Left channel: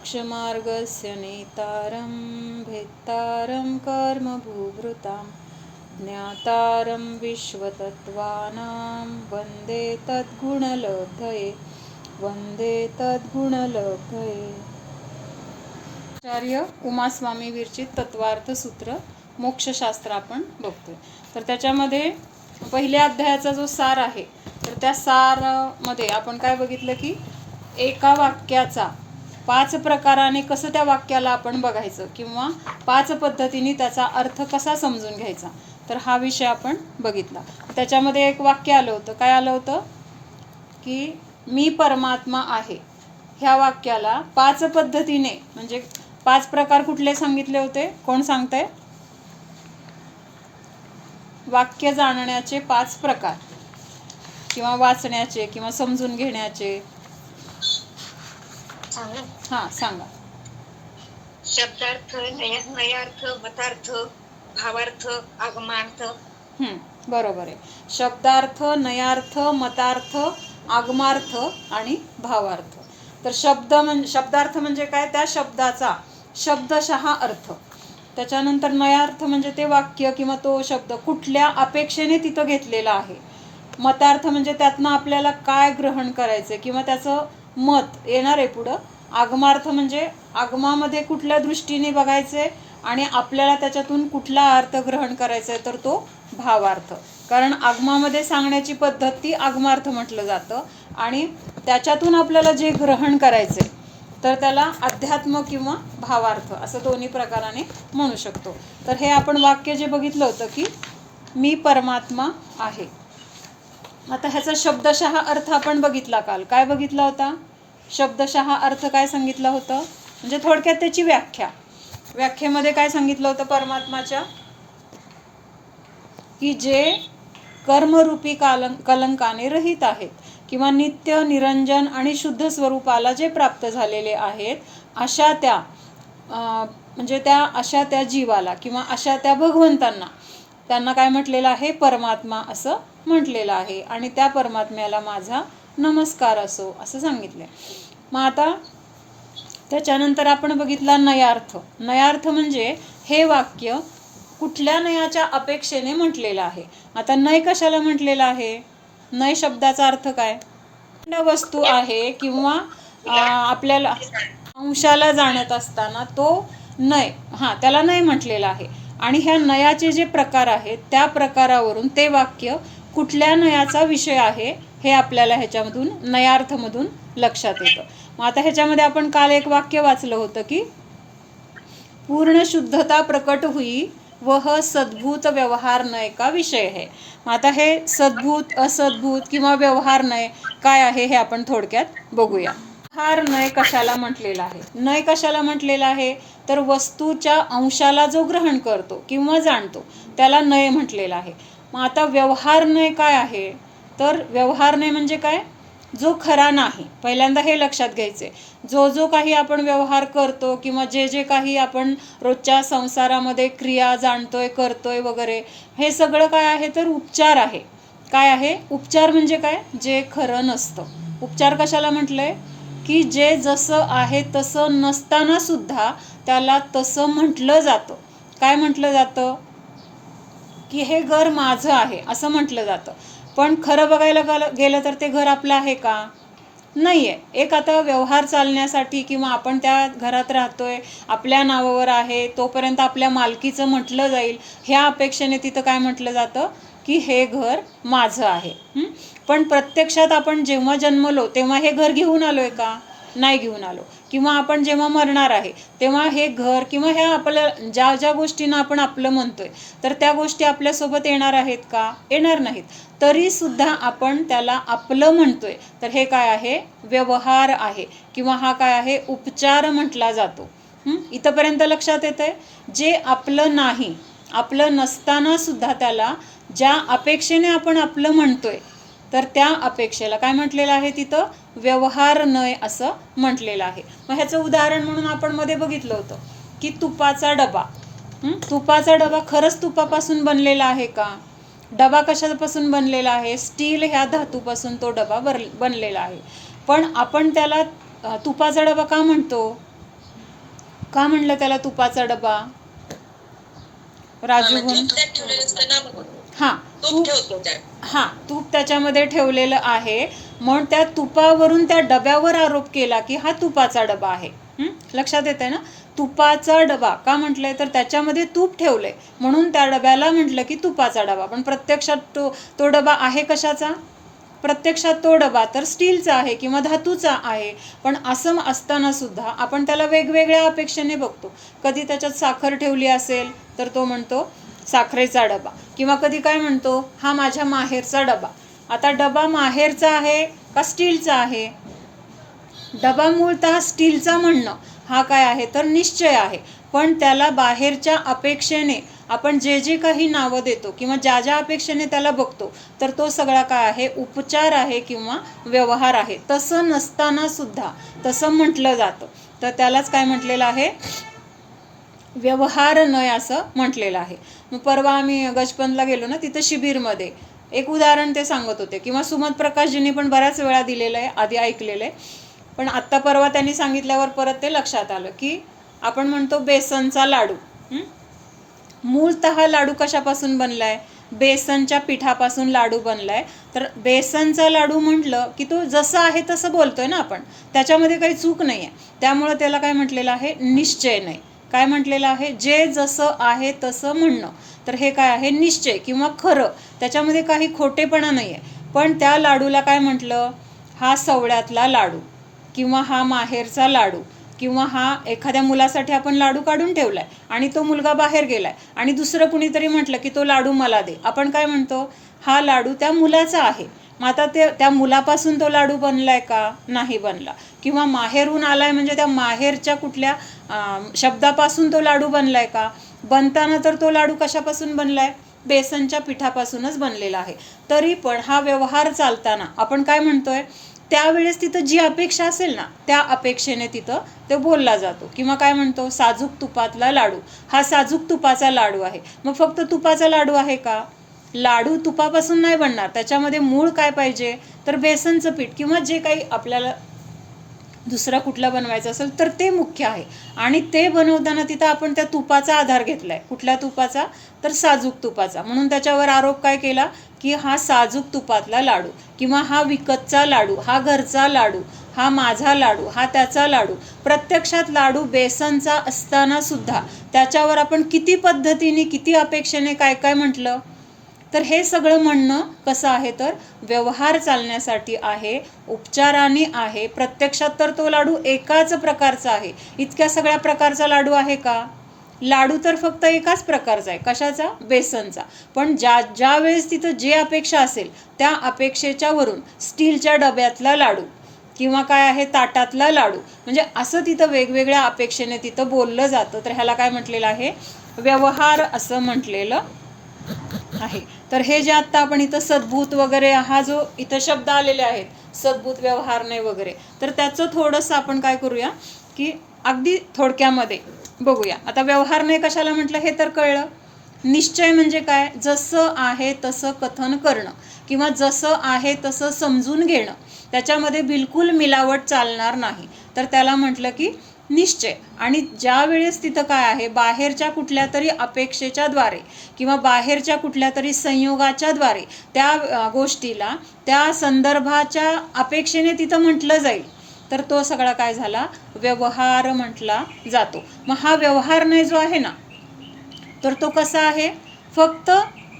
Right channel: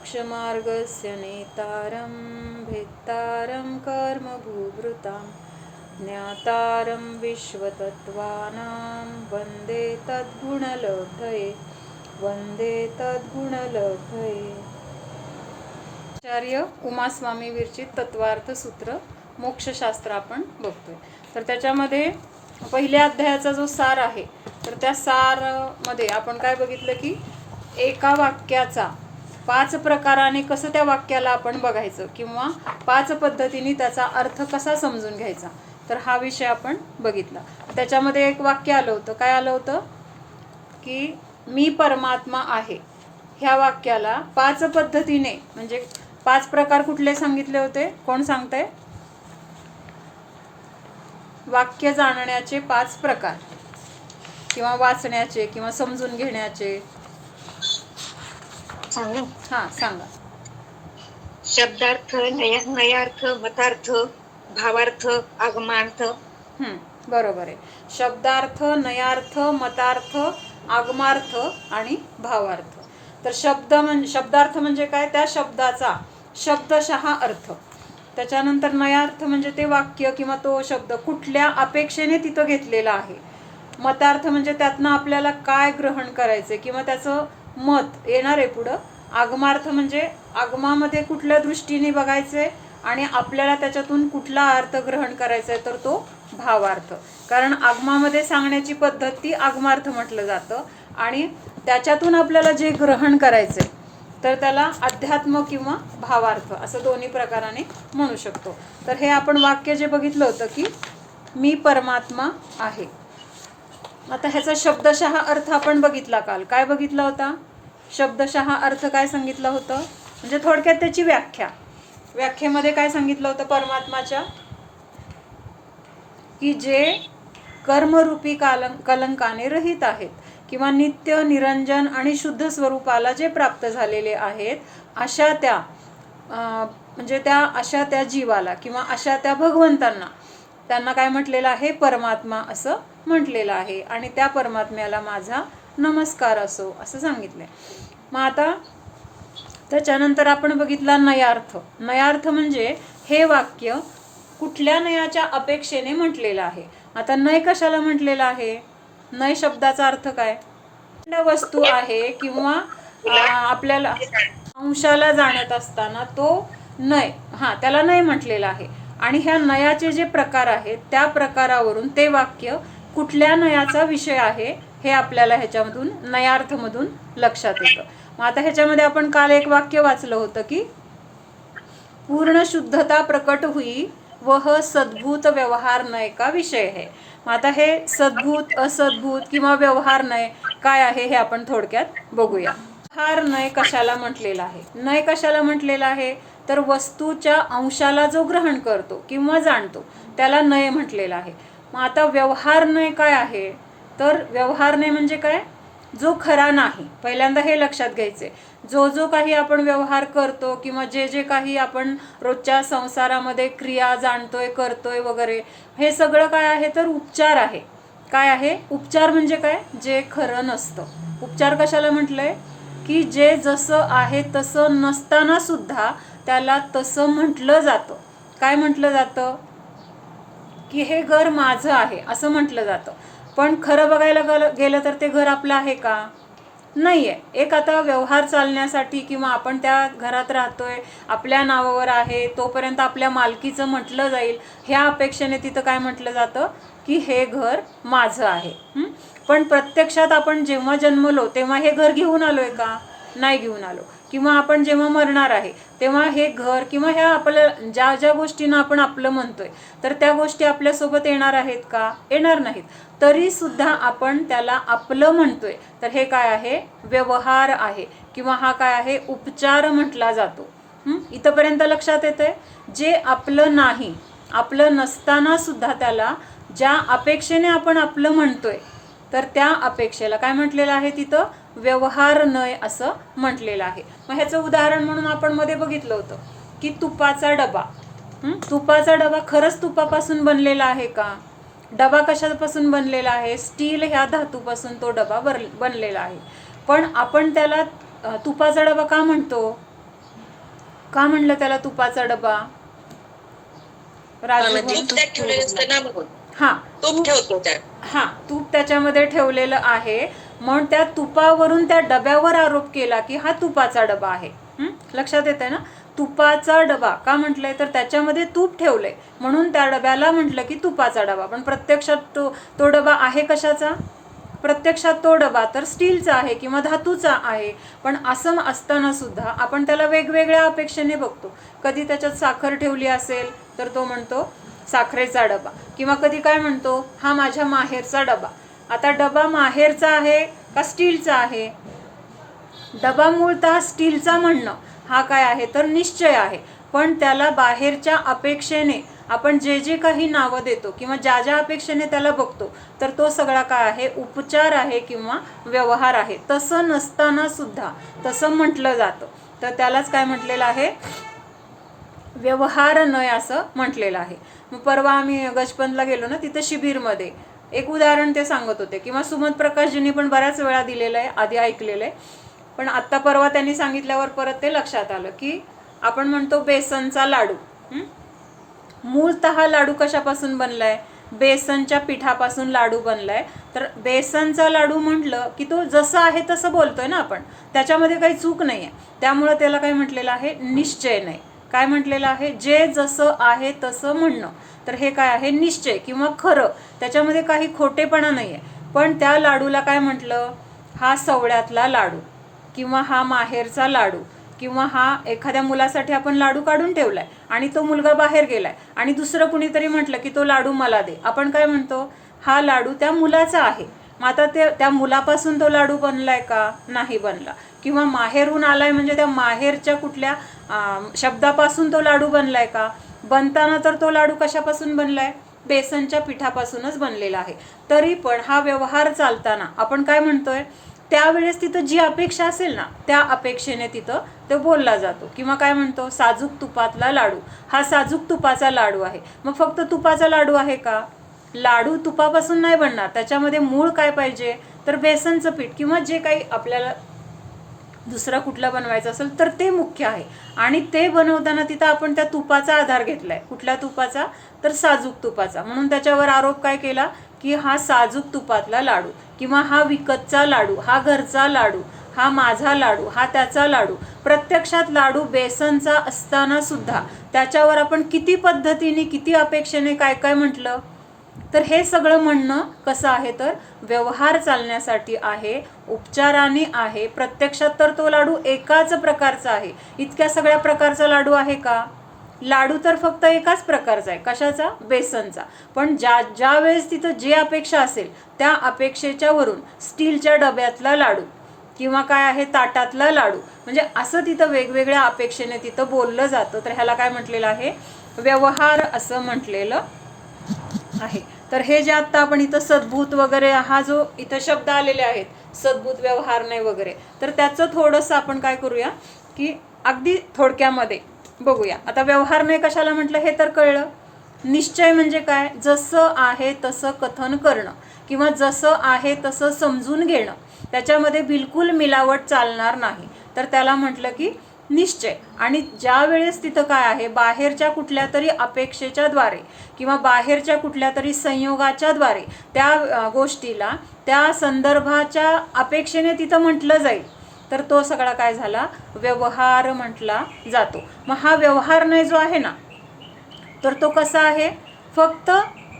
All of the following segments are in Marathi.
मोक्षमार्गस्य नेतारं भेत्तारं कर्मभूभृतां ज्ञातारं विश्वतत्त्वानां वन्दे तद्गुणलब्धये वन्दे तद्गुणलब्धये। आचार्य उमास्वामी विरचित तत्वार्थ सूत्र मोक्षशास्त्र आपण बघतोय। तर त्याच्यामध्ये पहिल्या अध्यायाचा जो सार आहे, तर त्या सारमध्ये आपण काय बघितलं की एका वाक्याचा 5 प्रकाराने कसं त्या वाक्याला आपण बघायचं किंवा 5 पद्धतीने त्याचा अर्थ कसा समजून घ्यायचा, तर हा विषय आपण बघितला। त्याच्यामध्ये एक वाक्य आलं होतं, काय आलं होतं की मी परमात्मा आहे। ह्या वाक्याला 5 पद्धतीने म्हणजे 5 प्रकार कुठले सांगितले होते, कोण सांगतंय? वाक्य जाणण्याचे 5 प्रकार किंवा वाचण्याचे किंवा समजून घेण्याचे। हां सांगा। शब्दार्थ, नयार्थ, मतार्थ, भावार्थ, आगमार्थ। बरोबर आहे। शब्दार्थ, नयार्थ, मतार्थ, आगमार्थ आणि भावार्थ। तर शब्दार्थ म्हणजे काय, त्या शब्दाचा शब्दशः अर्थ। त्याच्यानंतर नयार्थ म्हणजे ते वाक्य किंवा तो शब्द कुठल्या अपेक्षेने तिथं घेतलेला आहे। मतार्थ म्हणजे त्यातनं आपल्याला काय ग्रहण करायचे किंवा त्याचं मत येणार आहे पुढं। आगमार्थ म्हणजे आगमामध्ये कुठल्या दृष्टीने बघायचे आणि आपल्याला त्याच्यातून कुठला अर्थ ग्रहण करायचा आहे, तर तो भावार्थ। कारण आगमामध्ये सांगण्याची पद्धत ती आगमार्थ म्हटलं जातं आणि त्याच्यातून आपल्याला जे ग्रहण करायचे तर त्याला अध्यात्म किंवा भावार्थ असं दोन्ही प्रकाराने म्हणू शकतो। तर हे आपण वाक्य जे बघितलं होतं की मी परमात्मा आहे। आता ह्याचा शब्दशः अर्थ आपण बघितला काल। काय बघितला होता? शब्दशः अर्थ काय सांगितलं होतं, म्हणजे थोडक्यात त्याची व्याख्येमध्ये काय सांगितलं होतं परमात्माच्या, की जे कर्मरूपी कलंकाने रहित आहेत किंवा नित्य निरंजन आणि शुद्ध स्वरूपाला जे प्राप्त झालेले आहेत, अशा त्या म्हणजे अशा त्या जीवाला किंवा अशा त्या भगवंतांना त्यांना काय म्हटलेलं आहे, परमात्मा असं म्हटलेलं आहे आणि त्या परमात्म्याला माझा नमस्कार असो असं सांगितलंय। मग आता त्याच्यानंतर आपण बघितला नयार्थ। नयार्थ म्हणजे हे वाक्य कुठल्या नयाच्या अपेक्षेने म्हटलेलं आहे। आता नय कशाला म्हटलेलं आहे? नय शब्दाचा अर्थ काय? वस्तू आहे किंवा आपल्याला अंशाला जाणत असताना तो नय, त्याला नय म्हटलेलं आहे। आणि ह्या नयाचे जे प्रकार आहेत त्या प्रकारावरून ते वाक्य कुठल्या नयाचा विषय आहे हे आपल्याला ह्याच्यामधून नयार्थमधून लक्षात येतं। मग आता ह्याच्यामध्ये आपण काल एक वाक्य वाचलं होतं की पूर्ण शुद्धता प्रकट हुई वह सद्भूत व्यवहार नय का विषय है। मग आता हे सद्भूत, असद्भूत किंवा व्यवहार नय काय आहे हे आपण थोडक्यात बघूया। व्यवहार नय कशाला म्हटलेला आहे? नय कशाला म्हटलेला आहे, तर वस्तूच्या अंशाला जो ग्रहण करतो किंवा जाणतो त्याला नय म्हटलेला आहे। मग आता व्यवहार नय काय आहे, तर व्यवहार नय म्हणजे काय, जो खरा नाही। पहिल्यांदा हे लक्षात घ्यायचे, जो काही आपण व्यवहार करतो किंवा जे काही आपण रोजच्या संसारामध्ये क्रिया जाणतोय करतोय वगैरे, हे सगळं काय आहे, तर उपचार आहे। काय आहे? उपचार म्हणजे काय, जे खरं नसतं। उपचार कशाला म्हटलंय, की जे जसं आहे तसं नसताना सुद्धा त्याला तसं म्हटलं जातं। काय म्हटलं जातं, की हे घर माझं आहे असं म्हटलं जातं। पण खरं बघायला गेलं तर ते घर आपलं आहे का? नाही आहे। एक आता व्यवहार चालण्यासाठी किंवा आपण त्या घरात राहतोय, आपल्या नावावर आहे, तोपर्यंत आपल्या मालकीचं म्हटलं जाईल ह्या अपेक्षेने तिथं काय म्हटलं जातं, की हे घर माझं आहे। पण प्रत्यक्षात आपण जेव्हा जन्मलो तेव्हा हे घर घेऊन आलोय का? नाही घेऊन आलो। किंवा आपण जेव्हा मरणार आहे तेव्हा हे घर किंवा ह्या आपल्या ज्या गोष्टींना आपण आपलं म्हणतोय तर त्या गोष्टी आपल्यासोबत येणार आहेत का? येणार नाहीत। तरी सुद्धा आपण त्याला आपलं म्हणतोय, तर हे काय आहे, व्यवहार आहे किंवा हा काय आहे, उपचार म्हटला जातो। इथंपर्यंत लक्षात येतंय? जे आपलं नाही, आपलं नसताना सुद्धा त्याला ज्या अपेक्षेने आपण आपलं म्हणतोय तर त्या अपेक्षेला काय म्हटलेलं आहे, तिथं व्यवहार नय असं म्हटलेलं आहे। मग ह्याचं उदाहरण म्हणून आपण मध्ये बघितलं होतं की तुपाचा डबा। तुपाचा डबा खरंच तुपापासून बनलेला आहे का? डबा कशापासून बनलेला आहे? स्टील ह्या धातूपासून तो डबा बनलेला आहे। पण आपण त्याला तुपाचा डबा का म्हणतो? का म्हणलं त्याला तुपाचा डबा? राजू म्हणजे तूप त्यात ठेवलेलं असतं ना मग. हा तूप ठेवतो त्यात. हा तूप त्याच्यामध्ये ठेवलेलं आहे, म्हणून त्या तुपावरून त्या डब्यावर आरोप केला की हा तुपाचा डबा आहे. लक्षात येतंय ना? तुपाचा डबा का म्हटलंय तर त्याच्यामध्ये तूप ठेवलंय म्हणून त्या डब्याला म्हटलं की तुपाचा डबा. पण प्रत्यक्षात तो डबा आहे कशाचा? प्रत्यक्षात तो डबा तर स्टीलचा आहे किंवा धातूचा आहे. पण असं असताना सुद्धा आपण त्याला वेगवेगळ्या अपेक्षेने बघतो. कधी त्याच्यात साखर ठेवली असेल तर तो म्हणतो साखरेचा डबा, किंवा कधी काय म्हणतो हा माझ्या माहेरचा डबा. आता डबा माहेरचा आहे का स्टीलचा आहे? डबा मूळतः स्टीलचा म्हणणं हा काय आहे तर निश्चय आहे. पण त्याला बाहेरच्या अपेक्षेने आपण जे जे काही नावं देतो किंवा ज्या ज्या अपेक्षेने त्याला बघतो तर तो सगळा काय आहे? उपचार आहे किंवा व्यवहार आहे. तसं नसताना सुद्धा तसं म्हटलं जातं, तर त्यालाच काय म्हटलेलं आहे? व्यवहार नय असं म्हटलेलं आहे. मग परवा आम्ही गजपंतला गेलो ना, तिथं शिबिरमध्ये एक उदाहरण ते सांगत होते, किंवा सुमत प्रकाशजींनी पण बऱ्याच वेळा दिलेलं आहे, आधी ऐकलेलं आहे. पण आत्ता परवा त्यांनी सांगितल्यावर परत ते लक्षात आलं की आपण म्हणतो बेसनचा लाडू. मूळतः लाडू कशापासून बनलाय? बेसनच्या पिठापासून लाडू बनलाय. तर बेसनचा लाडू म्हटलं की तो जसं आहे तसं बोलतोय ना आपण, त्याच्यामध्ये काही चूक नाही आहे. त्यामुळे त्याला काय म्हटलेलं आहे? निश्चय नाही. काय म्हटलेलं आहे? जे जसं आहे तसं म्हणणं. तर हे काय आहे? निश्चय किंवा खरं, त्याच्यामध्ये काही खोटेपणा नाही आहे. पण त्या लाडूला काय म्हटलं? हा सवळ्यातला लाडू, किंवा हा माहेरचा लाडू, किंवा हा एखाद्या मुलासाठी आपण लाडू काढून ठेवलाय आणि तो मुलगा बाहेर गेलाय आणि दुसरं कुणीतरी म्हटलं की तो लाडू मला दे, आपण काय म्हणतो? हा लाडू त्या मुलाचा आहे. मग आता त्या मुलापासून तो लाडू बनलाय का? नाही बनला. किंवा माहेरून आलाय म्हणजे त्या माहेरच्या कुठल्या शब्दापासून तो लाडू बनलाय का? बनताना तर तो लाडू कशापासून बनलाय? बेसनच्या पिठापासूनच बनलेला आहे. तरी पण हा व्यवहार चालताना आपण काय म्हणतोय? त्यावेळेस तिथं जी अपेक्षा असेल ना त्या अपेक्षेने तिथं तो बोलला जातो. किंवा काय म्हणतो? साजूक तुपातला लाडू, हा साजूक तुपाचा लाडू आहे. मग फक्त तुपाचा लाडू आहे का? लाडू तुपापासून नाही बनणार, त्याच्यामध्ये मूळ काय पाहिजे तर बेसनचं पीठ, किंवा जे काही आपल्याला दुसरा कुठला बनवायचं असेल तर ते मुख्य आहे. आणि ते बनवताना तिथं आपण त्या तुपाचा आधार घेतलाय. कुठल्या तुपाचा? तर साजूक तुपाचा. म्हणून त्याच्यावर आरोप काय केला की हा साजूक तुपातला लाडू, किंवा हा विकतचा लाडू, हा घरचा लाडू, हा माझा लाडू, हा त्याचा लाडू. प्रत्यक्षात लाडू बेसनचा असताना सुद्धा त्याच्यावर आपण किती पद्धतीने किती अपेक्षेने काय काय म्हटलं. तर हे सगळं म्हणणं कसं आहे तर व्यवहार चालण्यासाठी आहे, उपचाराने आहे. प्रत्यक्षात तर तो लाडू एकाच प्रकारचा आहे. इतक्या सगळ्या प्रकारचा लाडू आहे का? लाडू तर फक्त एकाच प्रकारचा आहे. कशाचा? बेसनचा. पण ज्या वेळेस तिथं जे अपेक्षा असेल त्या अपेक्षेच्या वरून स्टीलच्या डब्यातला लाडू, किंवा काय आहे ताटातला लाडू, म्हणजे असं तिथं वेगवेगळ्या अपेक्षेने तिथं बोललं जातं. तर ह्याला काय म्हटलेलं आहे? व्यवहार असं म्हटलेलं आहे. तर हे जे आत्ता आपण इथं सद्भूत वगैरे हा जो इथं शब्द आलेले आहेत, सद्भूत, व्यवहार नाही वगैरे, तर त्याचं थोडंसं आपण काय करूया की अगदी थोडक्यामध्ये बघूया. आता व्यवहार नाही कशाला म्हटलं हे तर कळलं. निश्चय म्हणजे काय? जसं आहे तसं कथन करणं, किंवा जसं आहे तसं समजून घेणं, त्याच्यामध्ये बिलकुल मिलावट चालणार नाही. तर त्याला म्हटलं की निश्चय. आणि ज्या वेळेस तिथं काय आहे? बाहेरच्या कुठल्या तरी अपेक्षेच्या द्वारे किंवा बाहेरच्या कुठल्या तरी संयोगाच्या द्वारे त्या गोष्टीला त्या संदर्भाच्या अपेक्षेने तिथं म्हटलं जाईल तर तो सगळा काय झाला? व्यवहार म्हटला जातो. मग हा व्यवहार नाही जो आहे ना तर तो कसा आहे? फक्त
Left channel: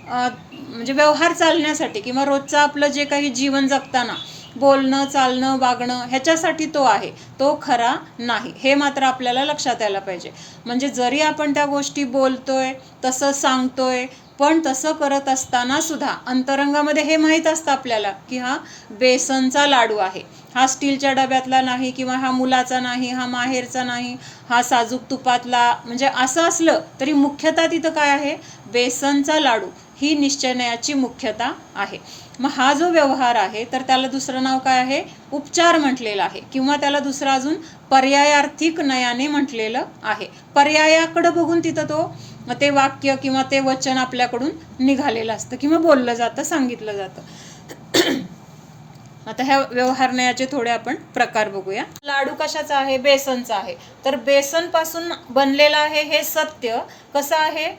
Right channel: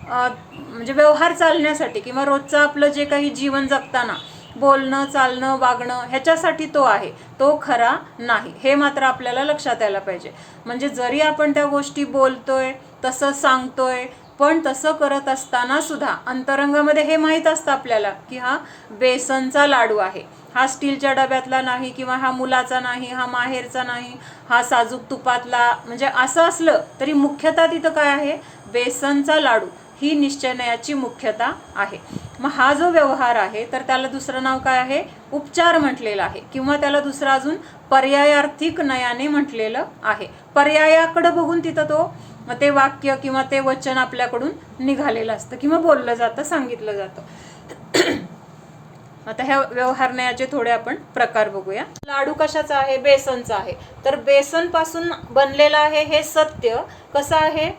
म्हणजे व्यवहार चालण्यासाठी किंवा रोजचं आपलं जे काही जीवन जगताना बोलणं, चालणं, वागणं ह्याच्यासाठी तो आहे, तो खरा नाही. हे मात्र आपल्याला लक्षात यायला पाहिजे. म्हणजे जरी आपण त्या गोष्टी बोलतोय, तसं सांगतोय, पण तसं करत असताना सुद्धा अंतरंगामध्ये हे माहीत असतं आपल्याला की हा बेसनचा लाडू आहे, हा स्टीलच्या डब्यातला नाही, किंवा हा मुलाचा नाही, हा माहेरचा नाही, हा साजूक तुपातला. म्हणजे असं असलं तरी मुख्यतः तिथं काय आहे? बेसनचा लाडू ही निश्चयाची मुख्यता आहे. मग हा जो व्यवहार आहे तर त्याला दुसरं नाव काय आहे? उपचार म्हटलेलं आहे, किंवा त्याला दुसरं अजून पर्यायार्थिक नयाने म्हटलेलं आहे. पर्यायाकडे बघून तिथं ते वाक्य किंवा ते वचन आपल्याकडून निघालेलं असतं किंवा बोललं जातं, सांगितलं जातं. आता ह्या व्यवहार न्यायाचे थोडे आपण प्रकार बघूया. लाडू कशाचा आहे? बेसनचा आहे. तर बेसन पासून बनलेला आहे हे सत्य कसं आहे?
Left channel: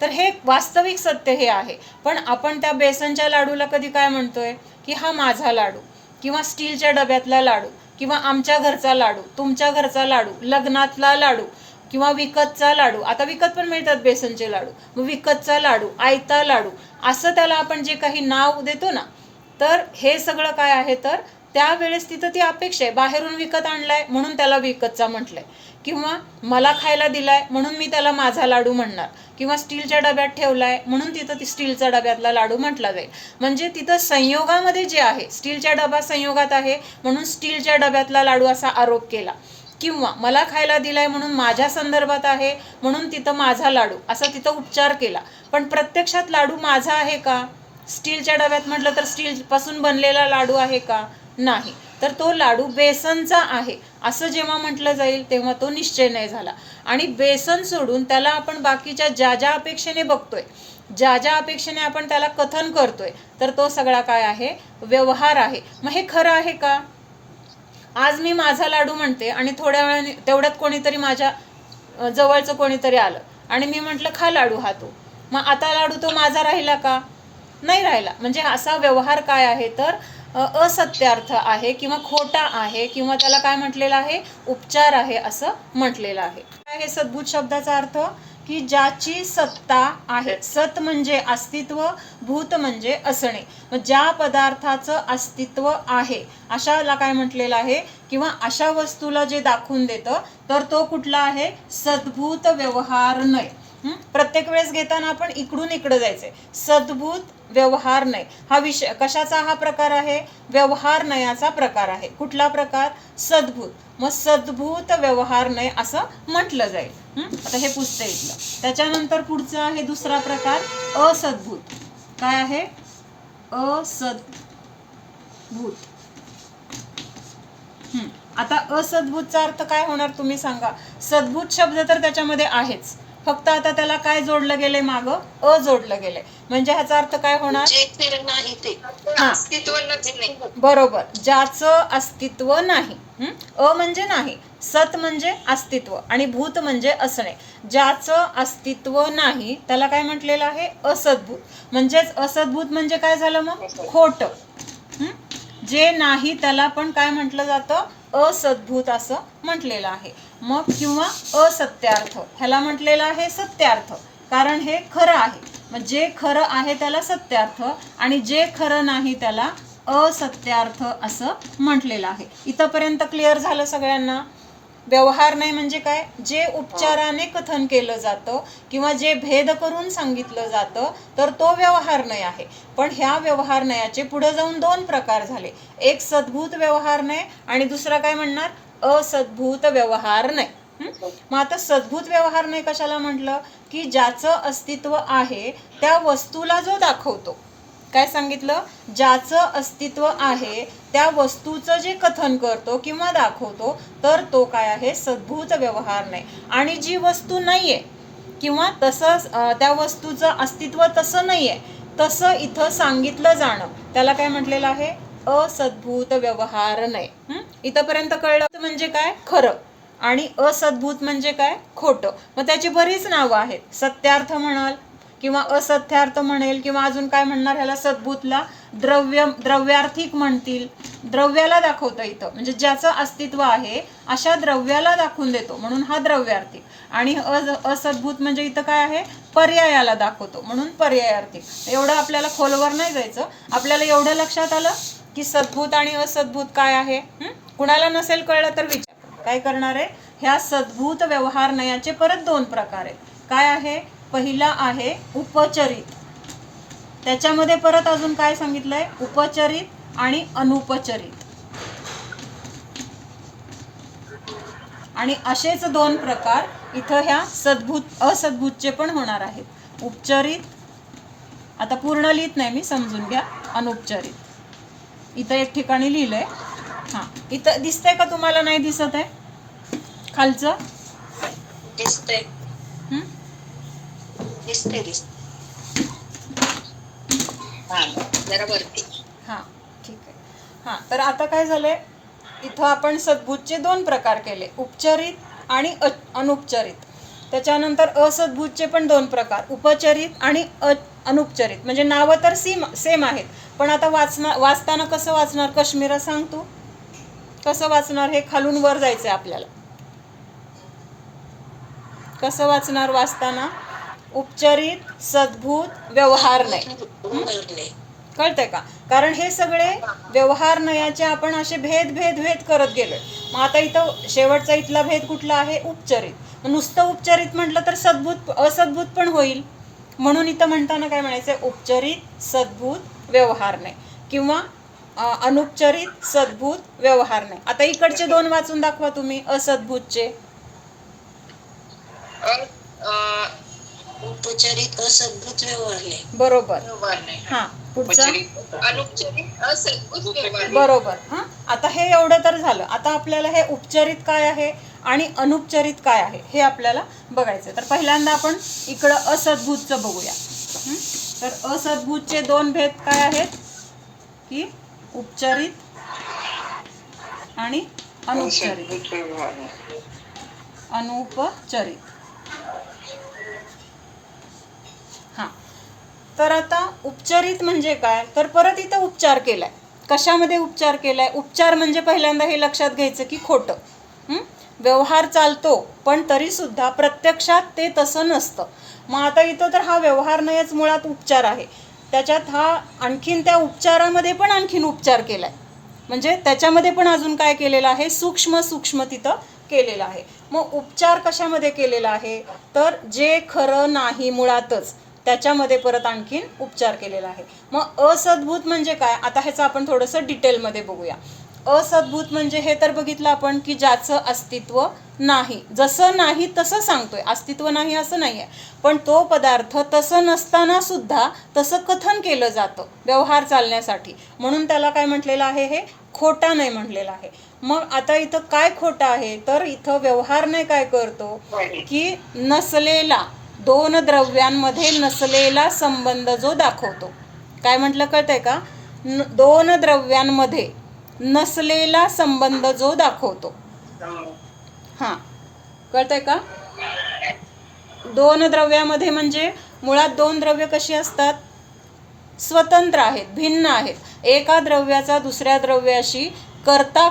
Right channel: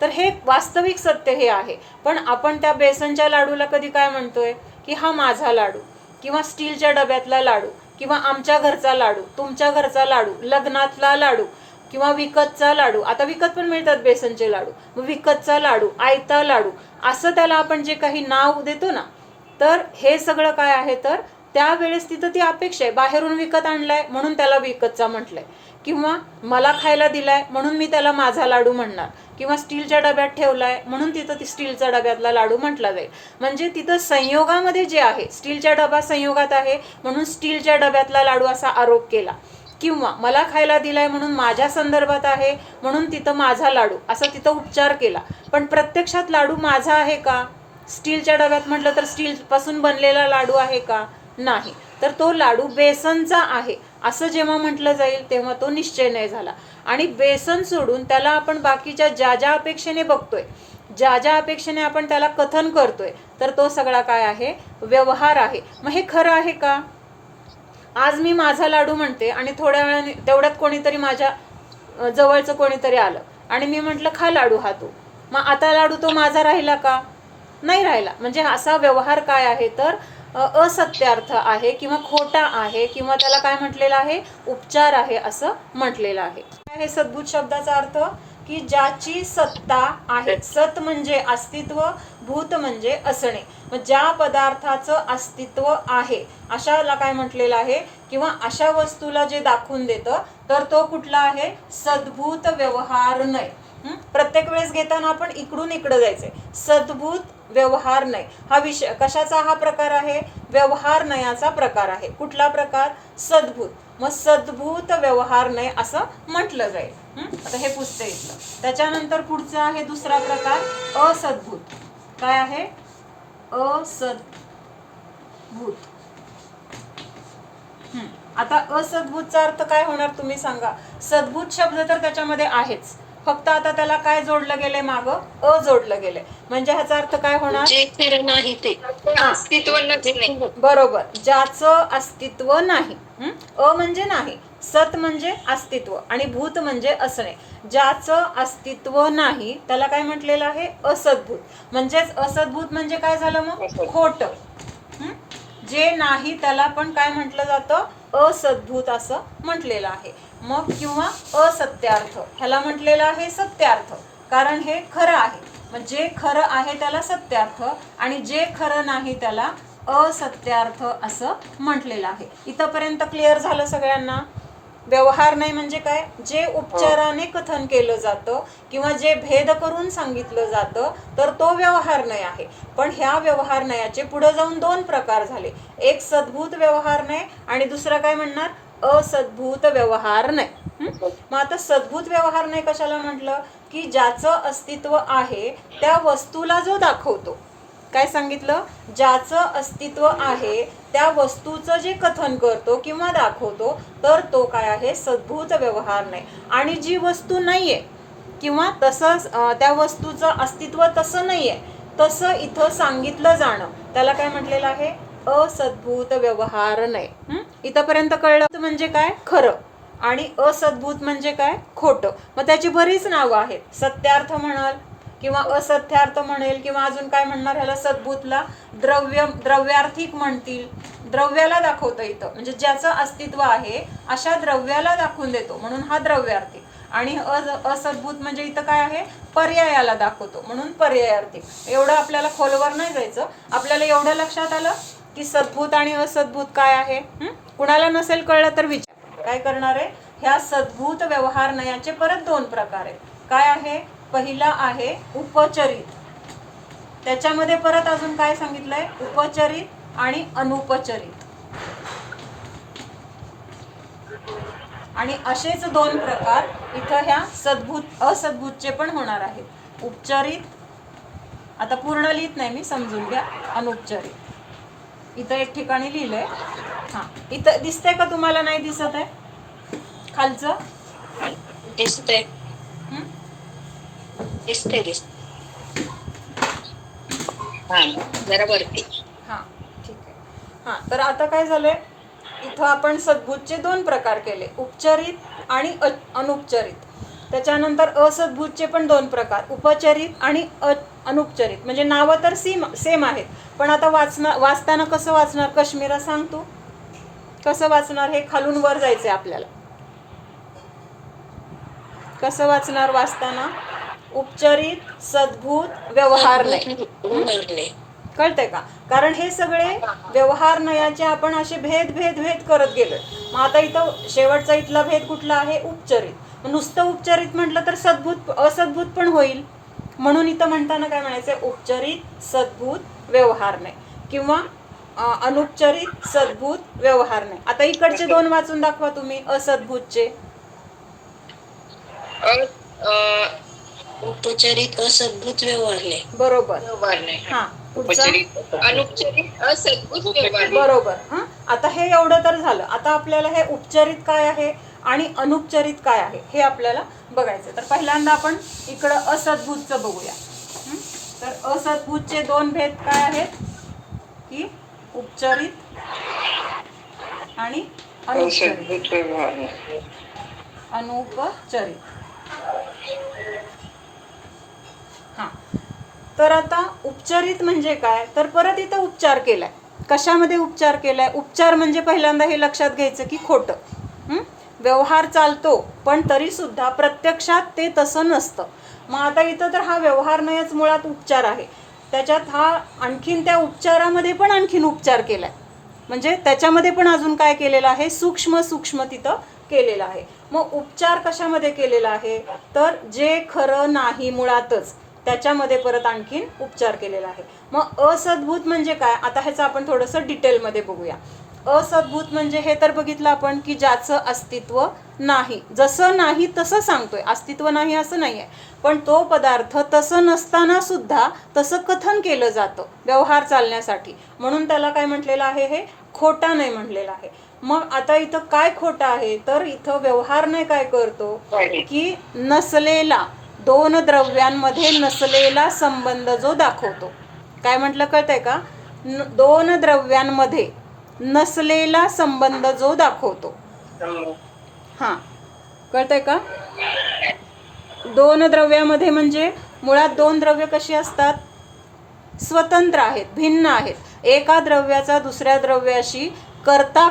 तर हे वास्तविक सत्य हे आहे. पण आपण त्या बेसनच्या लाडूला कधी काय म्हणतोय की हा माझा लाडू, किंवा स्टीलच्या डब्यातला लाडू, किंवा आमच्या घरचा लाडू, तुमच्या घरचा लाडू, लग्नातला लाडू, किंवा विकतचा लाडू. आता विकत पण मिळतात बेसनचे लाडू. मग विकतचा लाडू, आयता लाडू, असं त्याला आपण जे काही नाव देतो ना, तर हे सगळं काय आहे? तर त्यावेळेस तिथं ती अपेक्षा आहे. बाहेरून विकत आणलाय म्हणून त्याला विकतचा म्हटलंय, किंवा मला खायला दिलाय म्हणून मी त्याला माझा लाडू म्हणणार, किंवा स्टीलच्या डब्यात ठेवलाय म्हणून तिथं ती स्टीलच्या डब्यातला लाडू म्हटला जाईल. म्हणजे तिथं संयोगामध्ये जे आहे, स्टीलच्या डबा संयोगात आहे म्हणून स्टीलच्या डब्यातला लाडू असा आरोप केला, किंवा मला खायला दिलाय म्हणून माझ्या संदर्भात आहे म्हणून तिथं माझा लाडू असा तिथं उपचार केला. पण प्रत्यक्षात लाडू माझा आहे का? स्टीलच्या डब्यात म्हटलं तर स्टीलपासून बनलेला लाडू आहे का? नाही. तर तो लाडू बेसनचा आहे असं जेव्हा म्हटलं जाईल तेव्हा तो निश्चय नाही झाला. आणि बेसन सोडून त्याला आपण बाकीच्या ज्या ज्या अपेक्षेने बघतोय, ज्या ज्या अपेक्षेने आपण त्याला कथन करतोय, तर तो सगळा काय आहे? व्यवहार आहे. मग हे खरं आहे का? आज मी माझा लाडू म्हणते आणि थोड्या वेळाने तेवढ्यात कोणीतरी माझ्या जवळचं कोणीतरी आलं आणि मी म्हटलं खा लाडू हा तू. मग आता लाडू तो माझा राहिला का? नाही राहिला. म्हणजे असा व्यवहार काय आहे? तर असत्यार्थ आहे, किंवा खोटा आहे, किंवा त्याला काय म्हटलेलं आहे? उपचार आहे असं म्हटलेलं आहे. काय आहे सद्भूत शब्दाचा अर्थ? की ज्याची सत्ता आहे. सत म्हणजे अस्तित्व, भूत म्हणजे असणे. मग ज्या पदार्थाचं अस्तित्व आहे अशाला काय म्हटलेलं आहे? किंवा अशा वस्तूला जे दाखवून देतं तर तो कुठला आहे? सद्भूत व्यवहार नय. प्रत्येक वेळेस घेताना आपण इकडून इकडं जायचंय. सद्भूत व्यवहार नय हा विषय कशाचा हा प्रकार आहे? व्यवहार नयाचा प्रकार आहे. कुठला प्रकार? सद्भूत. मग सद्भूत व्यवहार नय असं म्हटलं जाईल. आता हे पुस्तक इथलं. त्याच्यानंतर पुढचं आहे दुसरा प्रकार असद्भूत. काय आहे? असद्भूत. आता असद्भूतचा अर्थ काय होणार तुम्ही सांगा? सद्भूत शब्द तर त्याच्यामध्ये आहेच, फक्त आता त्याला काय जोडलं गेलंय? मागं अ जोडलं गेलंय. म्हणजे ह्याचा अर्थ काय होणार? जे खरं नाही ते अस्तित्व नाही. बरोबर, ज्याचं अस्तित्व नाही. अ म्हणजे नाही, सत म्हणजे अस्तित्व, आणि भूत म्हणजे असणे. ज्याचं अस्तित्व नाही त्याला काय म्हटलेलं आहे? असद्भूत. म्हणजेच असद्भूत म्हणजे काय झालं? मग खोटं. जे नाही त्याला पण काय म्हटलं जातं? असद्भूत असं म्हटलेलं आहे. मग किंवा असत्यार्थ ह्याला म्हटलेलं आहे सत्यार्थ, कारण हे खरं आहे. मग जे खरं आहे त्याला सत्यार्थ, आणि जे खरं नाही त्याला असत्यार्थ असं म्हटलेलं आहे. इथंपर्यंत क्लिअर झालं सगळ्यांना? व्यवहार नाही म्हणजे काय? जे उपचाराने कथन केलं जातं किंवा जे भेद करून सांगितलं जातं तर तो व्यवहार नय आहे. पण ह्या व्यवहार नयाचे पुढे जाऊन दोन प्रकार झाले. एक सद्भूत व्यवहार नय आणि दुसरा काय म्हणणार? असद्भूत व्यवहार नय. मग आता सद्भूत व्यवहार नय कशाला म्हटलं? की ज्याचं अस्तित्व आहे त्या वस्तूला जो दाखवतो. काय सांगितलं? ज्याचं अस्तित्व आहे त्या वस्तूचं जे कथन करतो किंवा दाखवतो तर तो काय आहे? सद्भूत व्यवहार नाही. आणि जी वस्तू नाहीये किंवा तसं त्या वस्तूचं अस्तित्व तसं नाहीये तसं इथं सांगितलं जाणं त्याला काय म्हटलेलं आहे? असद्भूत व्यवहार नाही. इथंपर्यंत कळलं? म्हणजे काय? खरं. आणि असद्भूत म्हणजे काय? खोटं. मग त्याची बरीच नावं आहेत. सत्यार्थ म्हणाल किंवा असत्यार्थ म्हणेल, किंवा अजून काय म्हणणार ह्याला? सद्भूतला द्रव्यार्थिक म्हणतील. द्रव्याला दाखवतं इथं, म्हणजे ज्याचं अस्तित्व आहे अशा द्रव्याला दाखवून देतो म्हणून हा द्रव्यार्थिक. आणि असद्भूत म्हणजे इथं काय आहे? पर्यायाला दाखवतो म्हणून पर्यायार्थिक. एवढं आपल्याला खोलवर नाही जायचं. आपल्याला एवढं लक्षात आलं की सद्भूत आणि असद्भूत काय आहे. कुणाला नसेल कळलं तर विचार. काय करणार आहे? ह्या सद्भूत व्यवहार नयाचे परत दोन प्रकार आहेत. काय आहे? पहिला आहे उपचरित. त्याच्यामध्ये परत अजून काय सांगितलंय? उपचरित आणि अनुपचरित. आणि असेच दोन प्रकार इथं ह्या सद्भूत असद्भूतचे पण होणार आहेत. उपचरित, आता पूर्ण लिहित नाही मी, समजून घ्या. अनुपचरित इथं एक ठिकाणी लिहिलंय. इथं दिसतंय का तुम्हाला? नाही दिसत आहे खालचं? दिसतंय. दिसतंय. जरा वरती. ठीक आहे. हां, तर आता काय झालंय, इथं आपण सद्भूतचे 2 प्रकार केले, उपचरित आणि अनुपचरित. त्याच्यानंतर असद्भूतचे पण 2 प्रकार, उपचरित आणि अनुपचरित. म्हणजे नावं तर सेम आहेत, पण आता वाचताना कसं वाचणार? कश्मीरा सांग तू कसं वाचणार? हे खालून वर जायचं आहे आपल्याला. कसं वाचणार वाचताना? उपचरित, सद्भूत, व्यवहार नाही. कळतंय का? कारण हे सगळे व्यवहार नयाचे आपण असे भेद भेद भेद करत गेलोय. मग आता इथं शेवटचा इथला भेद कुठला आहे? उपचरित. नुसतं उपचरित म्हटलं तर सद्भूत असद्भूत पण होईल. म्हणून इथं म्हणताना काय म्हणायचं? उपचरित, सद्भूत, व्यवहार नाही, किंवा अनुपचरित, सद्भूत, व्यवहार नाही. आता इकडचे 2 वाचून दाखवा तुम्ही असद्भूतचे. उपचरित, असद्भूत, व्यवहार नाही. बरोबर. हां, अनुपचरित, असद्भूत, व्यवहार. बरोबर. हां, आता हे एवढं तर झालं. आता आपल्याला हे उपचरित काय आहे आणि अनुपचरित काय आहे हे आपल्याला बघायचं. तर पहिल्यांदा आपण इकडं असद्भूतचं बघूया. तर असद्भूतचे 2 भेद काय आहेत की उपचरित आणि अनुपचरित. हां, तर आता उपचरित म्हणजे काय? तर परत इथं उपचार केलाय. कशामध्ये उपचार केलाय? उपचार म्हणजे पहिल्यांदा हे लक्षात घ्यायचं की खोटं. व्यवहार चालतो, पण तरी सुद्धा प्रत्यक्षात ते तसं नसतं. मग आता इथं तर हा व्यवहार नाहीच मुळात उपचार आहे. त्याच्यात हा आणखीन त्या उपचारामध्ये पण आणखीन उपचार केलाय. म्हणजे त्याच्यामध्ये पण अजून काय केलेलं आहे? सूक्ष्म सूक्ष्म तिथं केलेलं आहे. मग उपचार कशामध्ये केलेला आहे? तर जे खरं नाही मुळातच त्याच्यामध्ये परत आणखीन उपचार केलेला आहे. मग असद्भूत म्हणजे काय? आता ह्याचं आपण थोडंसं डिटेलमध्ये बघूया. असद्भूत म्हणजे हे तर बघितलं आपण की ज्याचं अस्तित्व नाही. जसं नाही तसं सांगतोय, अस्तित्व नाही असं नाही आहे, पण तो पदार्थ तसं नसताना सुद्धा तसं कथन केलं जातं व्यवहार चालण्यासाठी. म्हणून त्याला काय म्हटलेलं आहे? हे खोटा नाही म्हटलेलं आहे. मग आता इथं काय खोटं आहे? तर इथं व्यवहार नाही काय करतो की नसलेला, 2 द्रव्यांमध्ये नसलेला संबंध जो दाखवतो. काय म्हटलं कळतंय का? 2 द्रव्यांमध्ये नसलेला संबंध जो दाखवतो. हां, कळतंय का? 2 द्रव्यामध्ये म्हणजे मुळात 2 द्रव्य कशी असतात? स्वतंत्र आहेत, भिन्न आहेत. एका द्रव्याचा दुसऱ्या द्रव्याशी कर्ता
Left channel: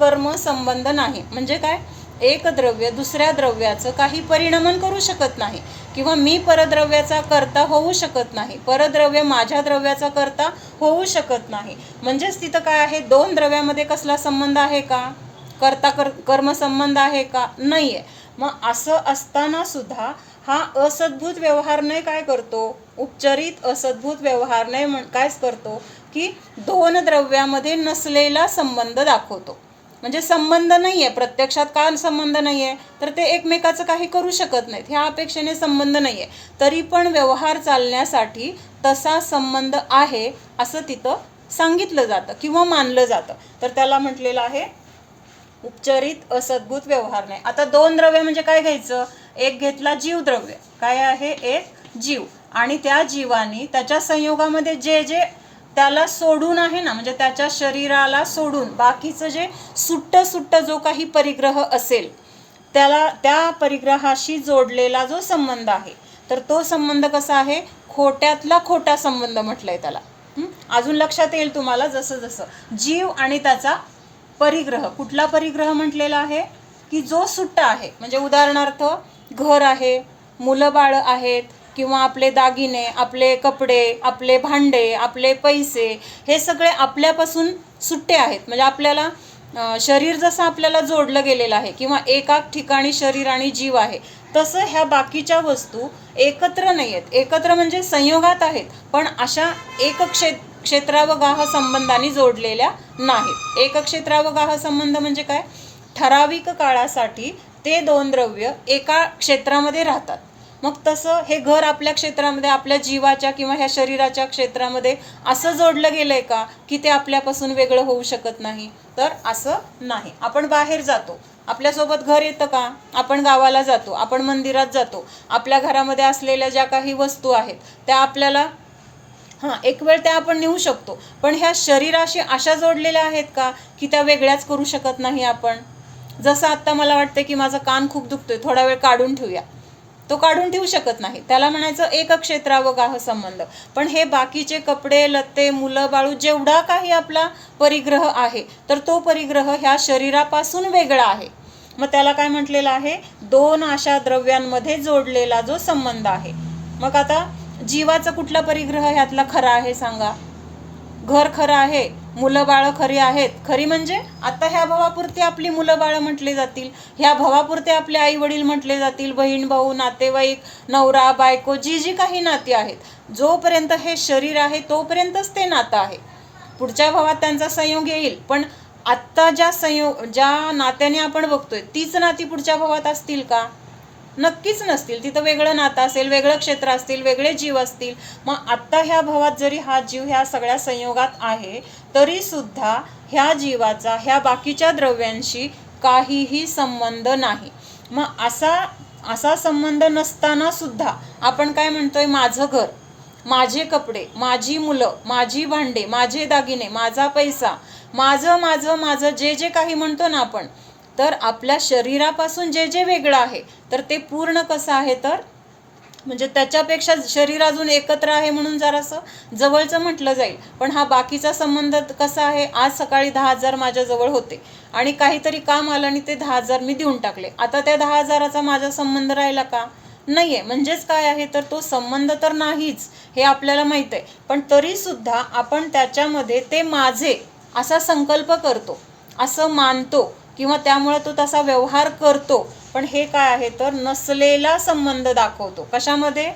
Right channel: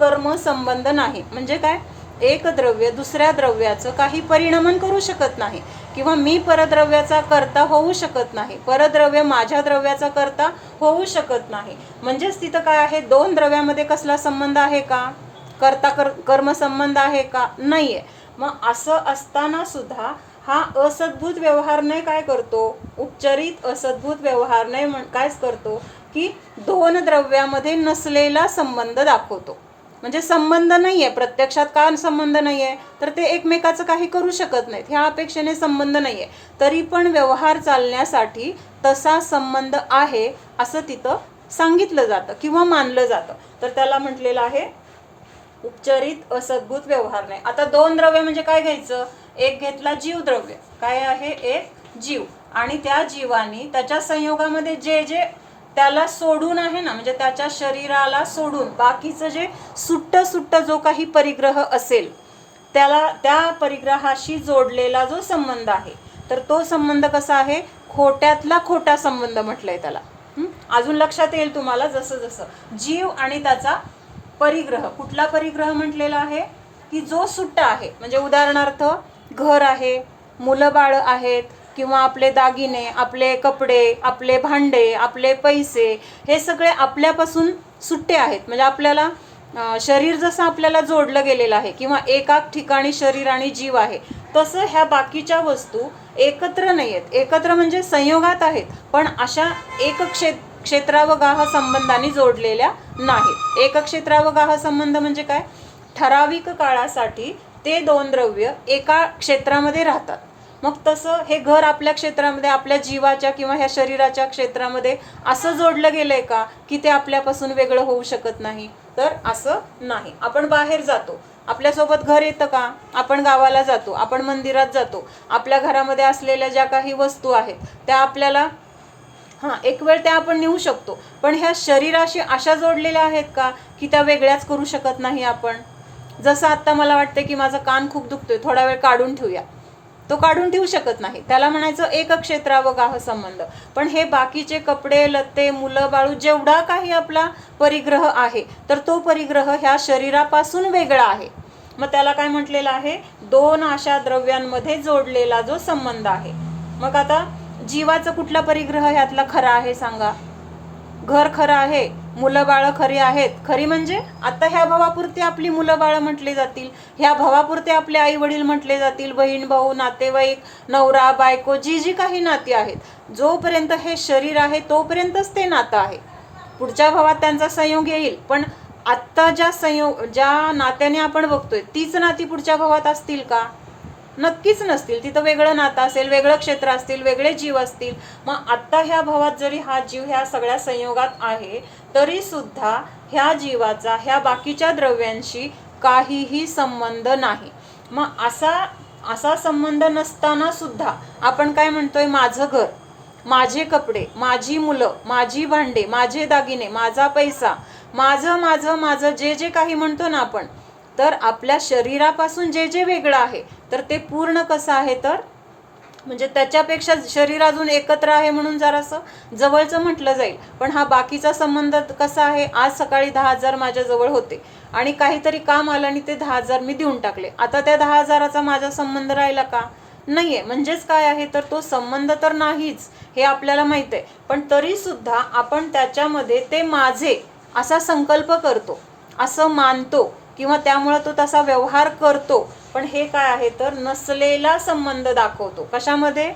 कर्म संबंध नाही. म्हणजे काय? एक द्रव्य दुसऱ्या द्रव्याचं काही परिणमन करू शकत नाही, किंवा मी परद्रव्याचा कर्ता होऊ शकत नाही, परद्रव्य माझ्या द्रव्याचा कर्ता होऊ शकत नाही. म्हणजेच तिथं काय आहे? 2 द्रव्यामध्ये कसला संबंध आहे का? कर्ता कर्म संबंध आहे का? नाही आहे. मग असं असताना सुद्धा हा असद्भूत व्यवहार नाही काय करतो? उपचरित असद्भूत व्यवहार नाही कायच करतो की 2 द्रव्यामध्ये नसलेला संबंध दाखवतो. म्हणजे संबंध नाही आहे, प्रत्यक्षात काय संबंध नाही आहे? तर ते एकमेकाचं काही करू शकत नाहीत, ह्या अपेक्षेने संबंध नाही आहे, तरी पण व्यवहार चालण्यासाठी तसा संबंध आहे असं तिथं सांगितलं जातं किंवा मानलं जातं. तर त्याला म्हटलेलं आहे उपचरित असद्भूत व्यवहार नाही. आता 2 द्रव्य म्हणजे काय घ्यायचं? एक घेतला जीवद्रव्य. काय आहे? एक जीव. आणि त्या जीवानी त्याच्या संयोगामध्ये जे जे त्याला सोडून आहे ना, म्हणजे त्याच्या शरीराला सोडून बाकीचं जे सुट्ट जो काही परिग्रह असेल त्याला, त्या परिग्रहाशी जोडलेला जो संबंध आहे, तर तो संबंध कसा आहे? खोट्यातला खोटा संबंध म्हटलंय त्याला. अजून लक्षात येईल तुम्हाला जसं जसं. जीव आणि त्याचा परिग्रह. कुठला परिग्रह म्हटलेला आहे? की जो सुट्टा आहे. म्हणजे उदाहरणार्थ घर आहे, मुलं बाळं आहेत, किंवा आपले दागिने, आपले कपडे, आपले भांडे, आपले पैसे, हे सगळे आपल्यापासून सुट्टे आहेत. म्हणजे आपल्याला शरीर जसं आपल्याला जोडलं गेलेलं आहे, किंवा एका ठिकाणी शरीर आणि जीव आहे, तसं ह्या बाकीच्या वस्तू एकत्र नाही आहेत. एकत्र म्हणजे संयोगात आहेत, पण अशा एक क्षेत्रावगाह संबंधाने जोडलेल्या नाहीत. एक क्षेत्रावगाह संबंध म्हणजे काय? ठराविक काळासाठी ते 2 द्रव्य एका क्षेत्रामध्ये राहतात. मग तसं हे घर आपल्या क्षेत्रामध्ये, आपल्या जीवाच्या किंवा ह्या शरीराच्या क्षेत्रामध्ये असं जोडलं गेलंय का की ते आपल्यापासून वेगळं होऊ शकत नाही? तर असं नाही. आपण बाहेर जातो, आपल्यासोबत घर येतं का? आपण गावाला जातो, आपण मंदिरात जातो, आपल्या घरामध्ये असलेल्या ज्या काही वस्तू आहेत त्या आपल्याला हां, एक वेळ त्या आपण नेऊ शकतो, पण ह्या शरीराशी अशा जोडलेल्या आहेत का की त्या वेगळ्याच करू शकत नाही आपण? जसं आत्ता मला वाटते की माझा कान खूप दुखतोय, थोडा वेळ काढून ठेवूया, तो काढून ठेवू शकत नाही, त्याला म्हणायचं एक क्षेत्रावगाह संबंध. पण हे बाकीचे कपडे लत्ते मुलं बाळू जेवढा काही आपला परिग्रह आहे, तर तो परिग्रह ह्या शरीरापासून वेगळा आहे. मग त्याला काय म्हटलेलं आहे? दोन अशा द्रव्यांमध्ये जोडलेला जो संबंध आहे. मग आता जीवाचा कुठला परिग्रह ह्यातला खरा आहे सांगा? घर खरं आहे, मुलं बाळं खरी आहेत. खरी म्हणजे आता ह्या भावापुरती आपली मुलं बाळं म्हटले जातील, ह्या भावापुरते आपले आई वडील म्हटले जातील, बहीण भाऊ नातेवाईक नवरा बायको जी जी काही नाती आहेत, जोपर्यंत हे शरीर आहे तोपर्यंतच ते नातं आहे. पुढच्या भावात त्यांचा संयोग येईल, पण आत्ता ज्या नात्याने आपण बघतोय तीच नाती पुढच्या भावात असतील का? नक्कीच नसतील. तिथं वेगळं नातं असेल, वेगळं क्षेत्र असतील, वेगळे जीव असतील. मग आत्ता ह्या भावात जरी हा जीव ह्या सगळ्या संयोगात आहे, तरी सुद्धा ह्या जीवाचा ह्या बाकीच्या द्रव्यांशी काहीही संबंध नाही. मग असा संबंध नसताना सुद्धा आपण काय म्हणतोय? माझं घर, माझे कपडे, माझी मुलं, माझी भांडे, माझे दागिने, माझा पैसा, माझं माझं माझं जे जे काही म्हणतो ना आपण, तर आपल्या शरीरापासून जे जे वेगळं आहे तर ते पूर्ण कसं आहे? तर म्हणजे त्याच्यापेक्षा शरीर अजून एकत्र आहे म्हणून जरासं जवळचं म्हटलं जाईल. पण हा बाकीचा संबंध कसा आहे? आज सकाळी 10,000 माझ्याजवळ होते आणि काहीतरी काम आलं आणि ते 10,000 मी देऊन टाकले. आता त्या 10,000चा माझा संबंध राहिला का? नाही आहे. म्हणजेच काय आहे? तर तो संबंध तर नाहीच हे आपल्याला माहीत आहे, पण तरीसुद्धा आपण त्याच्यामध्ये ते माझे असा संकल्प करतो, असं मानतो किंवा त्यामुळे तो तसा व्यवहार करतो. पण हे काय आहे? तर नसलेला संबंध दाखवतो. कशामध्ये?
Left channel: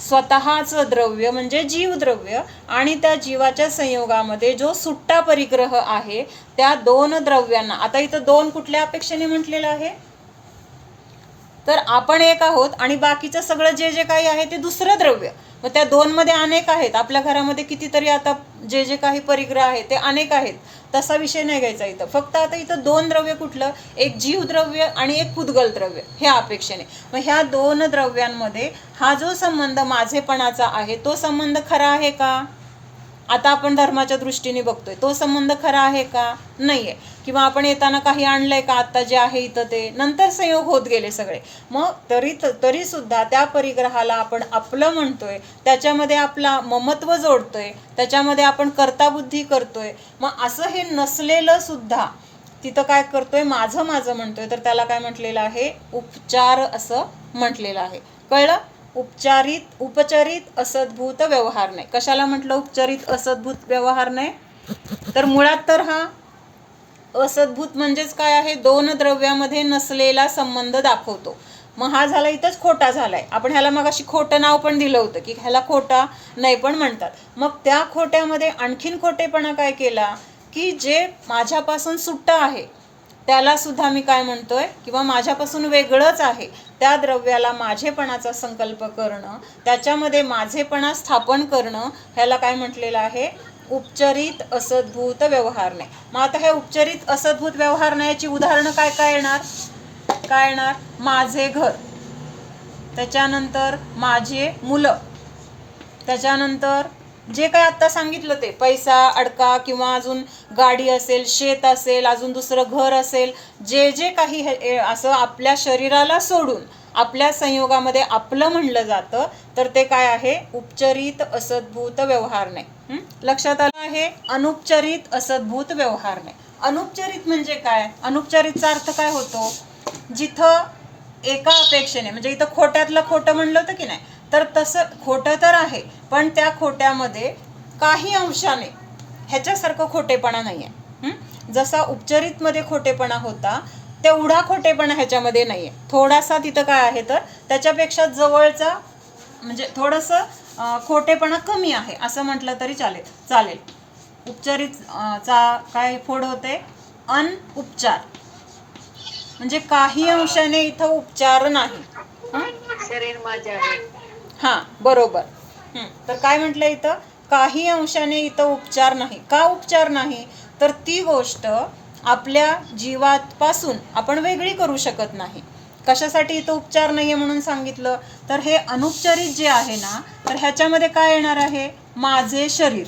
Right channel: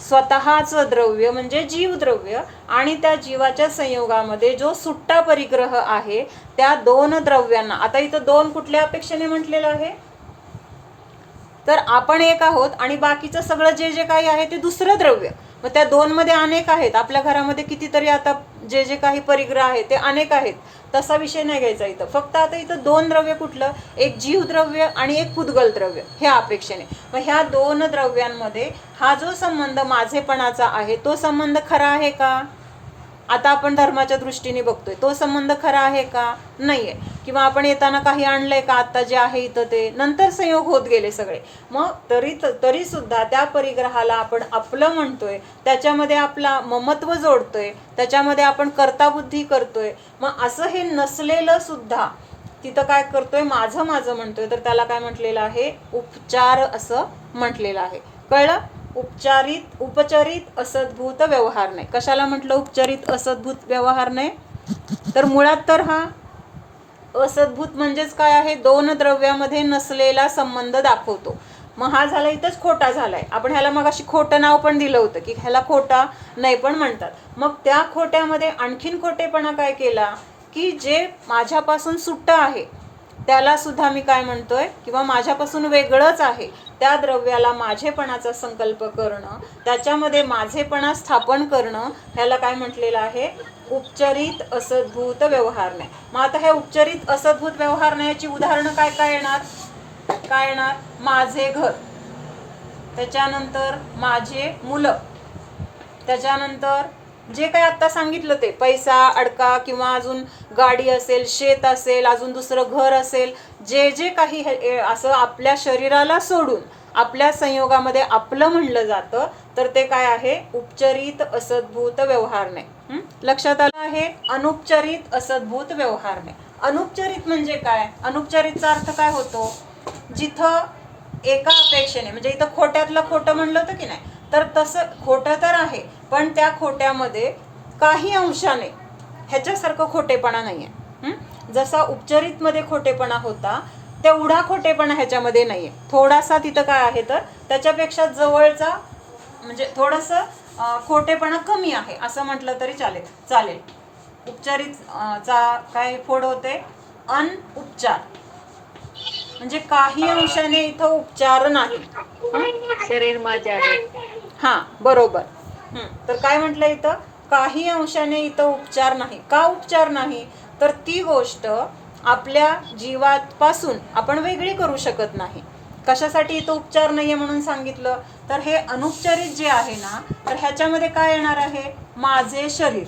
स्वतःचं द्रव्य म्हणजे जीवद्रव्य आणि त्या जीवाच्या संयोगामध्ये जो सुट्टा परिग्रह आहे त्या दोन द्रव्यांना. आता इथं दोन कुठल्या अपेक्षेने म्हटलेलं आहे? तर आपण एक आहोत आणि बाकीचं सगळं जे जे काही आहे ते दुसरं द्रव्य. मग त्या दोनमध्ये अनेक आहेत. आपल्या घरामध्ये कितीतरी आता जे जे काही परिग्रह आहे ते अनेक आहेत, तसा विषय नाही घ्यायचा इथं. फक्त आता इथं दोन द्रव्य कुठलं? एक जीवद्रव्य आणि एक पुद्गल द्रव्य ह्या अपेक्षेने. मग ह्या दोन द्रव्यांमध्ये हा जो संबंध माझेपणाचा आहे तो संबंध खरा आहे का? आता आपण धर्माच्या दृष्टीने बघतोय, तो संबंध खरा आहे का? नाही आहे. किंवा आपण येताना काही आणलंय का? आत्ता जे आहे इथं ते नंतर संयोग होत गेले सगळे. मग तरी सुद्धा त्या परिग्रहाला आपण आपलं म्हणतोय, त्याच्यामध्ये आपला ममत्व जोडतोय, त्याच्यामध्ये आपण कर्ताबुद्धी करतोय. मग असं हे नसलेलं सुद्धा तिथं काय करतोय? माझं माझं म्हणतोय. तर त्याला काय म्हटलेलं आहे? उपचार असं म्हटलेलं आहे. कळलं? उपचरित असद्भूत व्यवहार नाही. कशाला म्हटलं उपचरित असद्भूत व्यवहार नाही? तर मुळात तर हा असद्भूत म्हणजेच काय आहे? दोन द्रव्यामध्ये नसलेला संबंध दाखवतो. मग हा झाला इथंच खोटा झालाय. आपण ह्याला मग अशी खोटं नाव पण दिलं होतं की ह्याला खोटा नाही पण म्हणतात. मग त्या खोट्यामध्ये आणखीन खोटेपणा काय केला की जे माझ्यापासून सुट्ट आहे त्याला सुद्धा मी काय म्हणतोय? किंवा माझ्यापासून वेगळंच आहे त्या द्रव्याला माझेपणाचा संकल्प करणं, त्याच्यामध्ये माझेपणा स्थापन करणं, ह्याला काय म्हटलेलं आहे? उपचरित असद्भूत व्यवहार नाही. मग आता ह्या उपचरित असद्भूत व्यवहार नाहीची उदाहरणं काय काय येणार? माझे घर, त्याच्यानंतर माझे मुलं, त्याच्यानंतर जे काही आत्ता सांगितलं ते पैसा अडका किंवा अजून गाडी असेल, शेत असेल, अजून दुसरं घर असेल, जे जे काही असं आपल्या शरीराला सोडून आपल्या संयोगामध्ये आपलं म्हणलं जातं, तर ते काय आहे? उपचरित असद्भूत व्यवहार नाही. लक्षात आलं आहे? अनुपचरित असद्भूत व्यवहार नाही. अनुपचरित म्हणजे काय? अनुपचरितचा अर्थ काय होतो? जिथं एका अपेक्षेने, म्हणजे इथं खोट्यातलं खोटं म्हणलं होतं की नाही, तर तसं खोटं तर आहे, पण त्या खोट्यामध्ये काही अंशाने ह्याच्यासारखं खोटेपणा नाही आहे. जसा उपचरितमध्ये खोटेपणा होता तेवढा खोटेपणा ह्याच्यामध्ये नाही आहे. थोडासा तिथं काय आहे? तर त्याच्यापेक्षा जवळचा म्हणजे थोडंसं खोटेपणा कमी आहे असं म्हटलं तरी चालेल. उपचरितचा काय फोड होते? अनउपचार, म्हणजे काही अंशाने इथं उपचार नाही. शरीर माझे आहे. हां, बरोबर. तर काय म्हटलं इथं? काही अंशाने इथं उपचार नाही. का उपचार नाही? तर ती गोष्ट आपल्या जीवापासून आपण वेगळी करू शकत नाही. कशासाठी इथं उपचार नाही आहे म्हणून सांगितलं, तर हे अनुपचारित जे आहे ना, तर ह्याच्यामध्ये काय येणार आहे, माझे शरीर.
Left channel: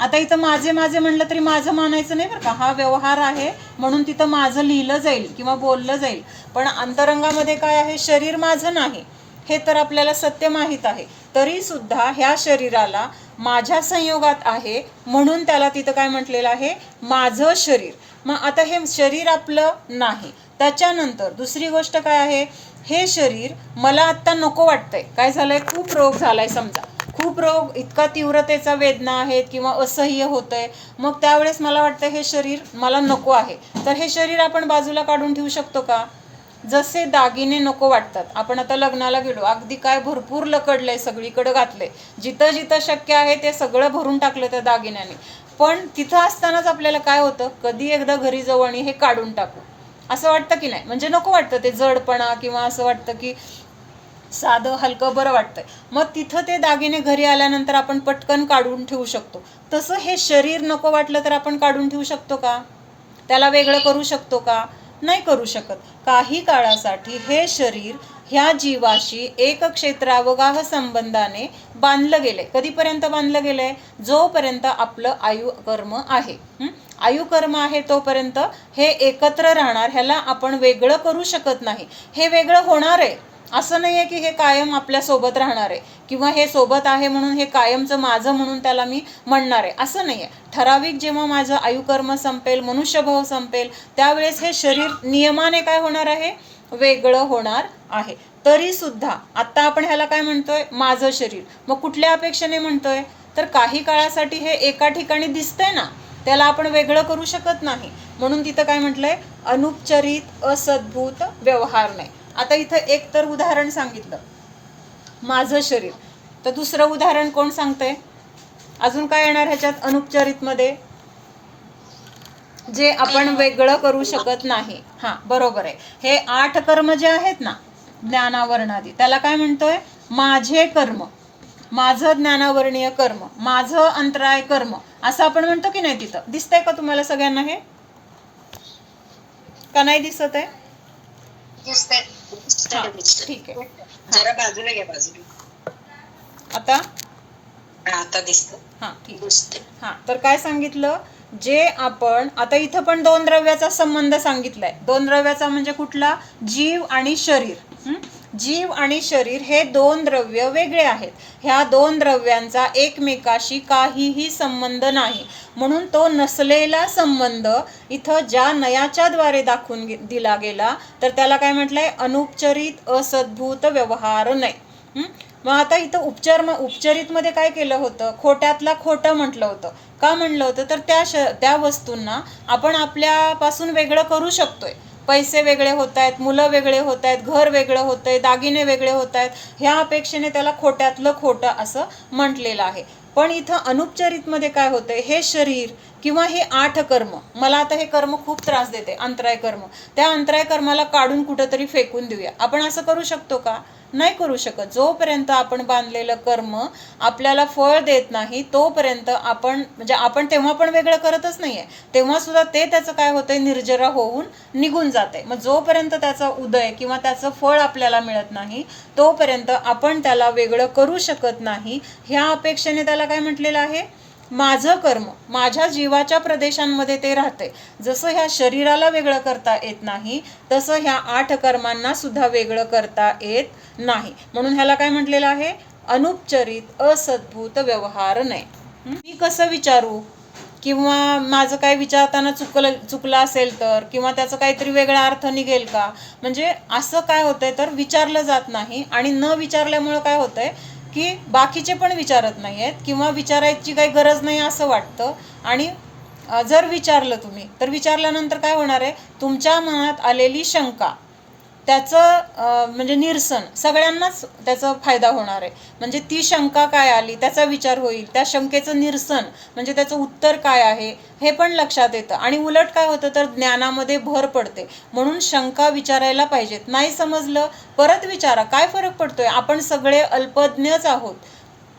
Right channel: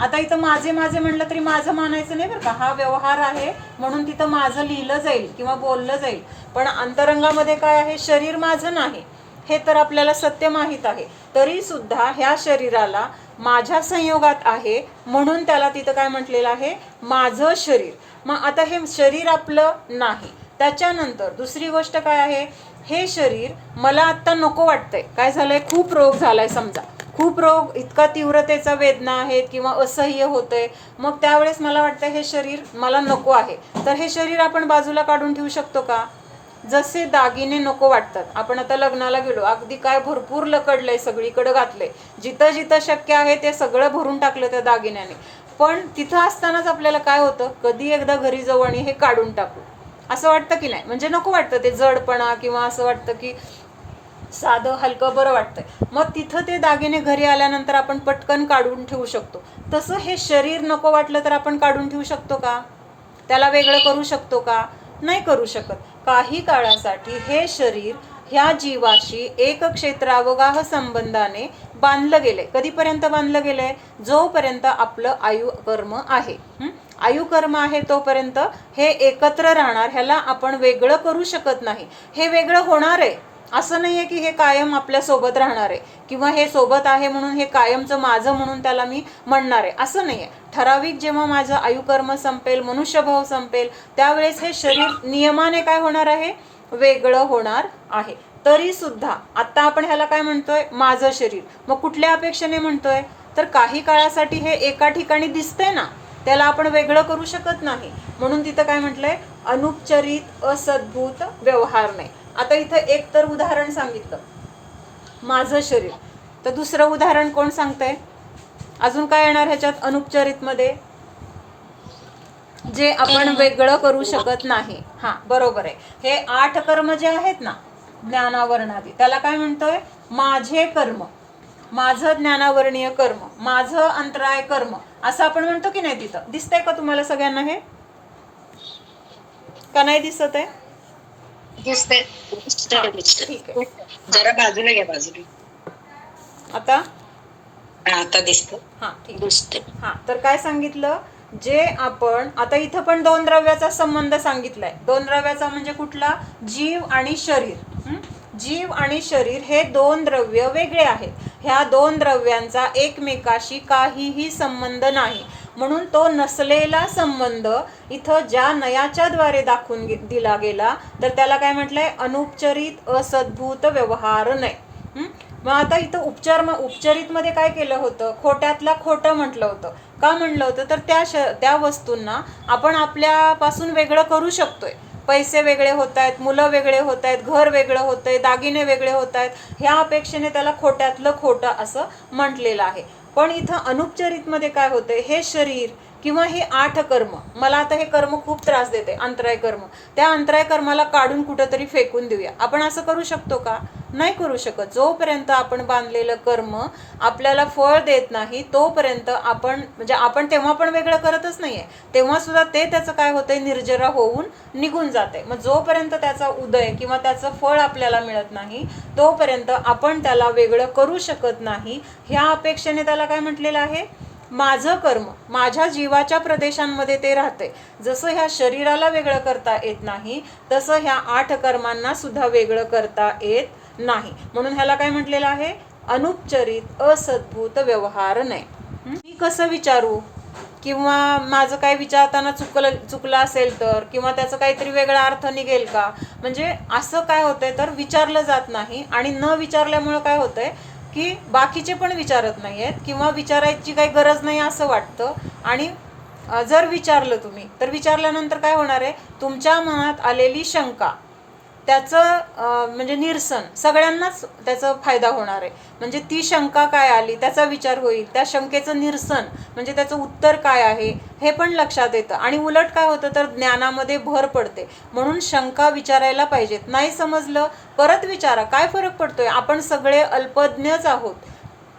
आता इथं माझे माझे म्हणलं तरी माझं मानायचं नाही बरं का, हा व्यवहार आहे म्हणून तिथं माझं लिहिलं जाईल किंवा बोललं जाईल, पण अंतरंगामध्ये काय आहे, शरीर माझं नाही हे तर आपल्याला सत्य माहीत आहे. तरी सुद्धा ह्या शरीराला माझ्या संयोगात आहे म्हणून त्याला तिथं काय म्हटलेलं आहे, माझं शरीर. मग आता हे शरीर आपलं नाही. त्याच्यानंतर दुसरी गोष्ट काय आहे, हे शरीर मला आत्ता नको वाटतंय. काय झालंय, खूप रोग झालाय समजा, खूप रोग इतका तीव्रतेचा वेदना आहेत किंवा असह्य होतंय, मग त्यावेळेस मला वाटतं हे शरीर मला नको आहे. तर हे शरीर आपण बाजूला काढून ठेवू शकतो का? जसे दागिने नको वाटतात, आपण आता लग्नाला गेलो, अगदी काय भरपूर लकडलंय, सगळीकडे घातलंय, जिथं जिथं शक्य आहे ते सगळं भरून टाकलं त्या दागिन्याने, पण तिथं असतानाच आपल्याला काय होतं, कधी एकदा घरी जाऊ आणि हे काढून टाकू असं वाटतं की नाही, म्हणजे नको वाटतं ते जडपणा, किंवा असं वाटतं की साधं हलकं बरं वाटतंय. मग तिथं ते दागिने घरी आल्यानंतर आपण पटकन काढून ठेवू शकतो. तसं हे शरीर नको वाटलं तर आपण काढून ठेवू शकतो का? त्याला वेगळं करू शकतो का? नाही करू शकत. काही काळासाठी हे शरीर ह्या जीवाशी एक क्षेत्रावगाह संबंधाने बांधलं गेले. कधीपर्यंत बांधलं गेलंय? जोपर्यंत आपलं आयुकर्म आहे. आयुकर्म आहे तोपर्यंत हे एकत्र राहणार, ह्याला आपण वेगळं करू शकत नाही. हे वेगळं होणार आहे, असं नाही आहे की हे कायम आपल्यासोबत राहणार आहे किंवा हे सोबत आहे म्हणून हे कायमचं माझं म्हणून त्याला मी म्हणणार आहे, असं नाही आहे. ठराविक जेव्हा माझं आयुकर्म संपेल, मनुष्यभाव संपेल, त्यावेळेस हे शरीर नियमाने काय होणार आहे, वेगळं होणार आहे. तरी सुद्धा आत्ता आपण ह्याला काय म्हणतोय, माझं शरीर. मग कुठल्या अपेक्षेने म्हणतोय, तर काही काळासाठी हे एका ठिकाणी दिसतंय ना, त्याला आपण वेगळं करू शकत नाही, म्हणून तिथं काय म्हटलंय, अनुपचरित असद्भूत व्यवहार नाही. आता इथं एक तर उदाहरण सांगितलं, माझं शरीर. तर दुसरं उदाहरण कोण सांगतंय, अजून काय येणार ह्याच्यात अनुपचरितमध्ये, जे आपण वेगळं करू शकत नाही. हां, बरोबर आहे. हे 8 कर्म जे आहेत ना, ज्ञानावरणादी, त्याला काय म्हणतोय, माझे कर्म, माझं ज्ञानावरणीय कर्म, माझं अंतराय कर्म, असं आपण म्हणतो की नाही. तिथं दिसतंय का तुम्हाला सगळ्यांना हे, का नाही दिसत आहे? दिसतंय. ठीक आहे, जरा बाजूला घ्या, बाजूला. आता आता दिसतं. हां, ठीक दिसते. हां. तर काय सांगितलं, जे आपण आता इथं पण 2 द्रव्याचा संबंध सांगितलाय. 2 द्रव्याचा म्हणजे कुठला, जीव आणि शरीर. जीव आणि शरीर हे 2 द्रव्य वेगळे आहेत. ह्या 2 द्रव्यांचा एकमेकाशी काहीही संबंध नाही, म्हणून तो नसलेला संबंध इथं ज्या नयाच्या द्वारे दाखवून दिला गेला, तर त्याला काय म्हटलंय, अनुपचरित असद्भूत व्यवहार नाही. मग आता इथं उपचरितमध्ये काय केलं होतं, खोट्यातला खोटं म्हटलं होतं. का म्हणलं होतं, तर त्या वस्तूंना आपण आपल्यापासून वेगळं करू शकतोय. पैसे वेगळे होत आहेत, मुलं वेगळे होत आहेत, घर वेगळं होत आहे, दागिने वेगळे होत आहेत, ह्या अपेक्षेने त्याला खोट्यातलं खोटं असं म्हटलेलं आहे. पण इथं अनुपचरितमध्ये काय होतंय, हे शरीर किंवा हे 8 कर्म, मला आता हे कर्म खूप त्रास देते, अंतराय कर्म, त्या अंतराय कर्माला काढून कुठंतरी फेकून देऊया. आपण असं करू शकतो का? नाही करू शकत. जोपर्यंत आपण बांधलेलं कर्म आपल्याला फळ देत नाही तोपर्यंत आपण, म्हणजे आपण तेव्हा पण वेगळं करतच नाहीये, तेव्हा सुद्धा ते त्याचं काय होतंय, निर्जरा होऊन निघून जाते. मग जोपर्यंत त्याचा उदय किंवा त्याचं फळ आपल्याला मिळत नाही तोपर्यंत आपण त्याला वेगळं करू शकत नाही. ह्या अपेक्षेने त्याला काय म्हटलेलं आहे, माझं कर्म, माझ्या जीवाच्या प्रदेशांमध्ये ते राहते. जसं ह्या शरीराला वेगळं करता येत नाही, तसं ह्या 8 कर्मांना सुद्धा वेगळं करता येत नाही. म्हणून ह्याला काय म्हटलेलं आहे, अनुपचरित असद्भूत व्यवहार नाही. मी कसं विचारू, किंवा माझं काय विचारताना चुकलं असेल तर, किंवा त्याचं काहीतरी वेगळा अर्थ निघेल का, म्हणजे असं काय होतंय, तर विचारलं जात नाही. आणि न विचारल्यामुळं काय होतंय की बाकीचे पण विचारत नाही आहेत किंवा विचारायची काही गरज नाही असं वाटतं. आणि जर विचारलं तुम्ही, तर विचारल्यानंतर काय होणार आहे, तुमच्या मनात आलेली शंका, त्याचं म्हणजे निरसन, सगळ्यांनाच त्याचा फायदा होणार आहे. म्हणजे ती शंका काय आली त्याचा विचार होईल, त्या शंकेचं निरसन म्हणजे त्याचं उत्तर काय आहे हे पण लक्षात येतं. आणि उलट काय होतं, तर ज्ञानामध्ये भर पडते. म्हणून शंका विचारायला पाहिजेत. नाही समजलं परत विचारा, काय फरक पडतोय, आपण सगळे अल्पज्ञच आहोत.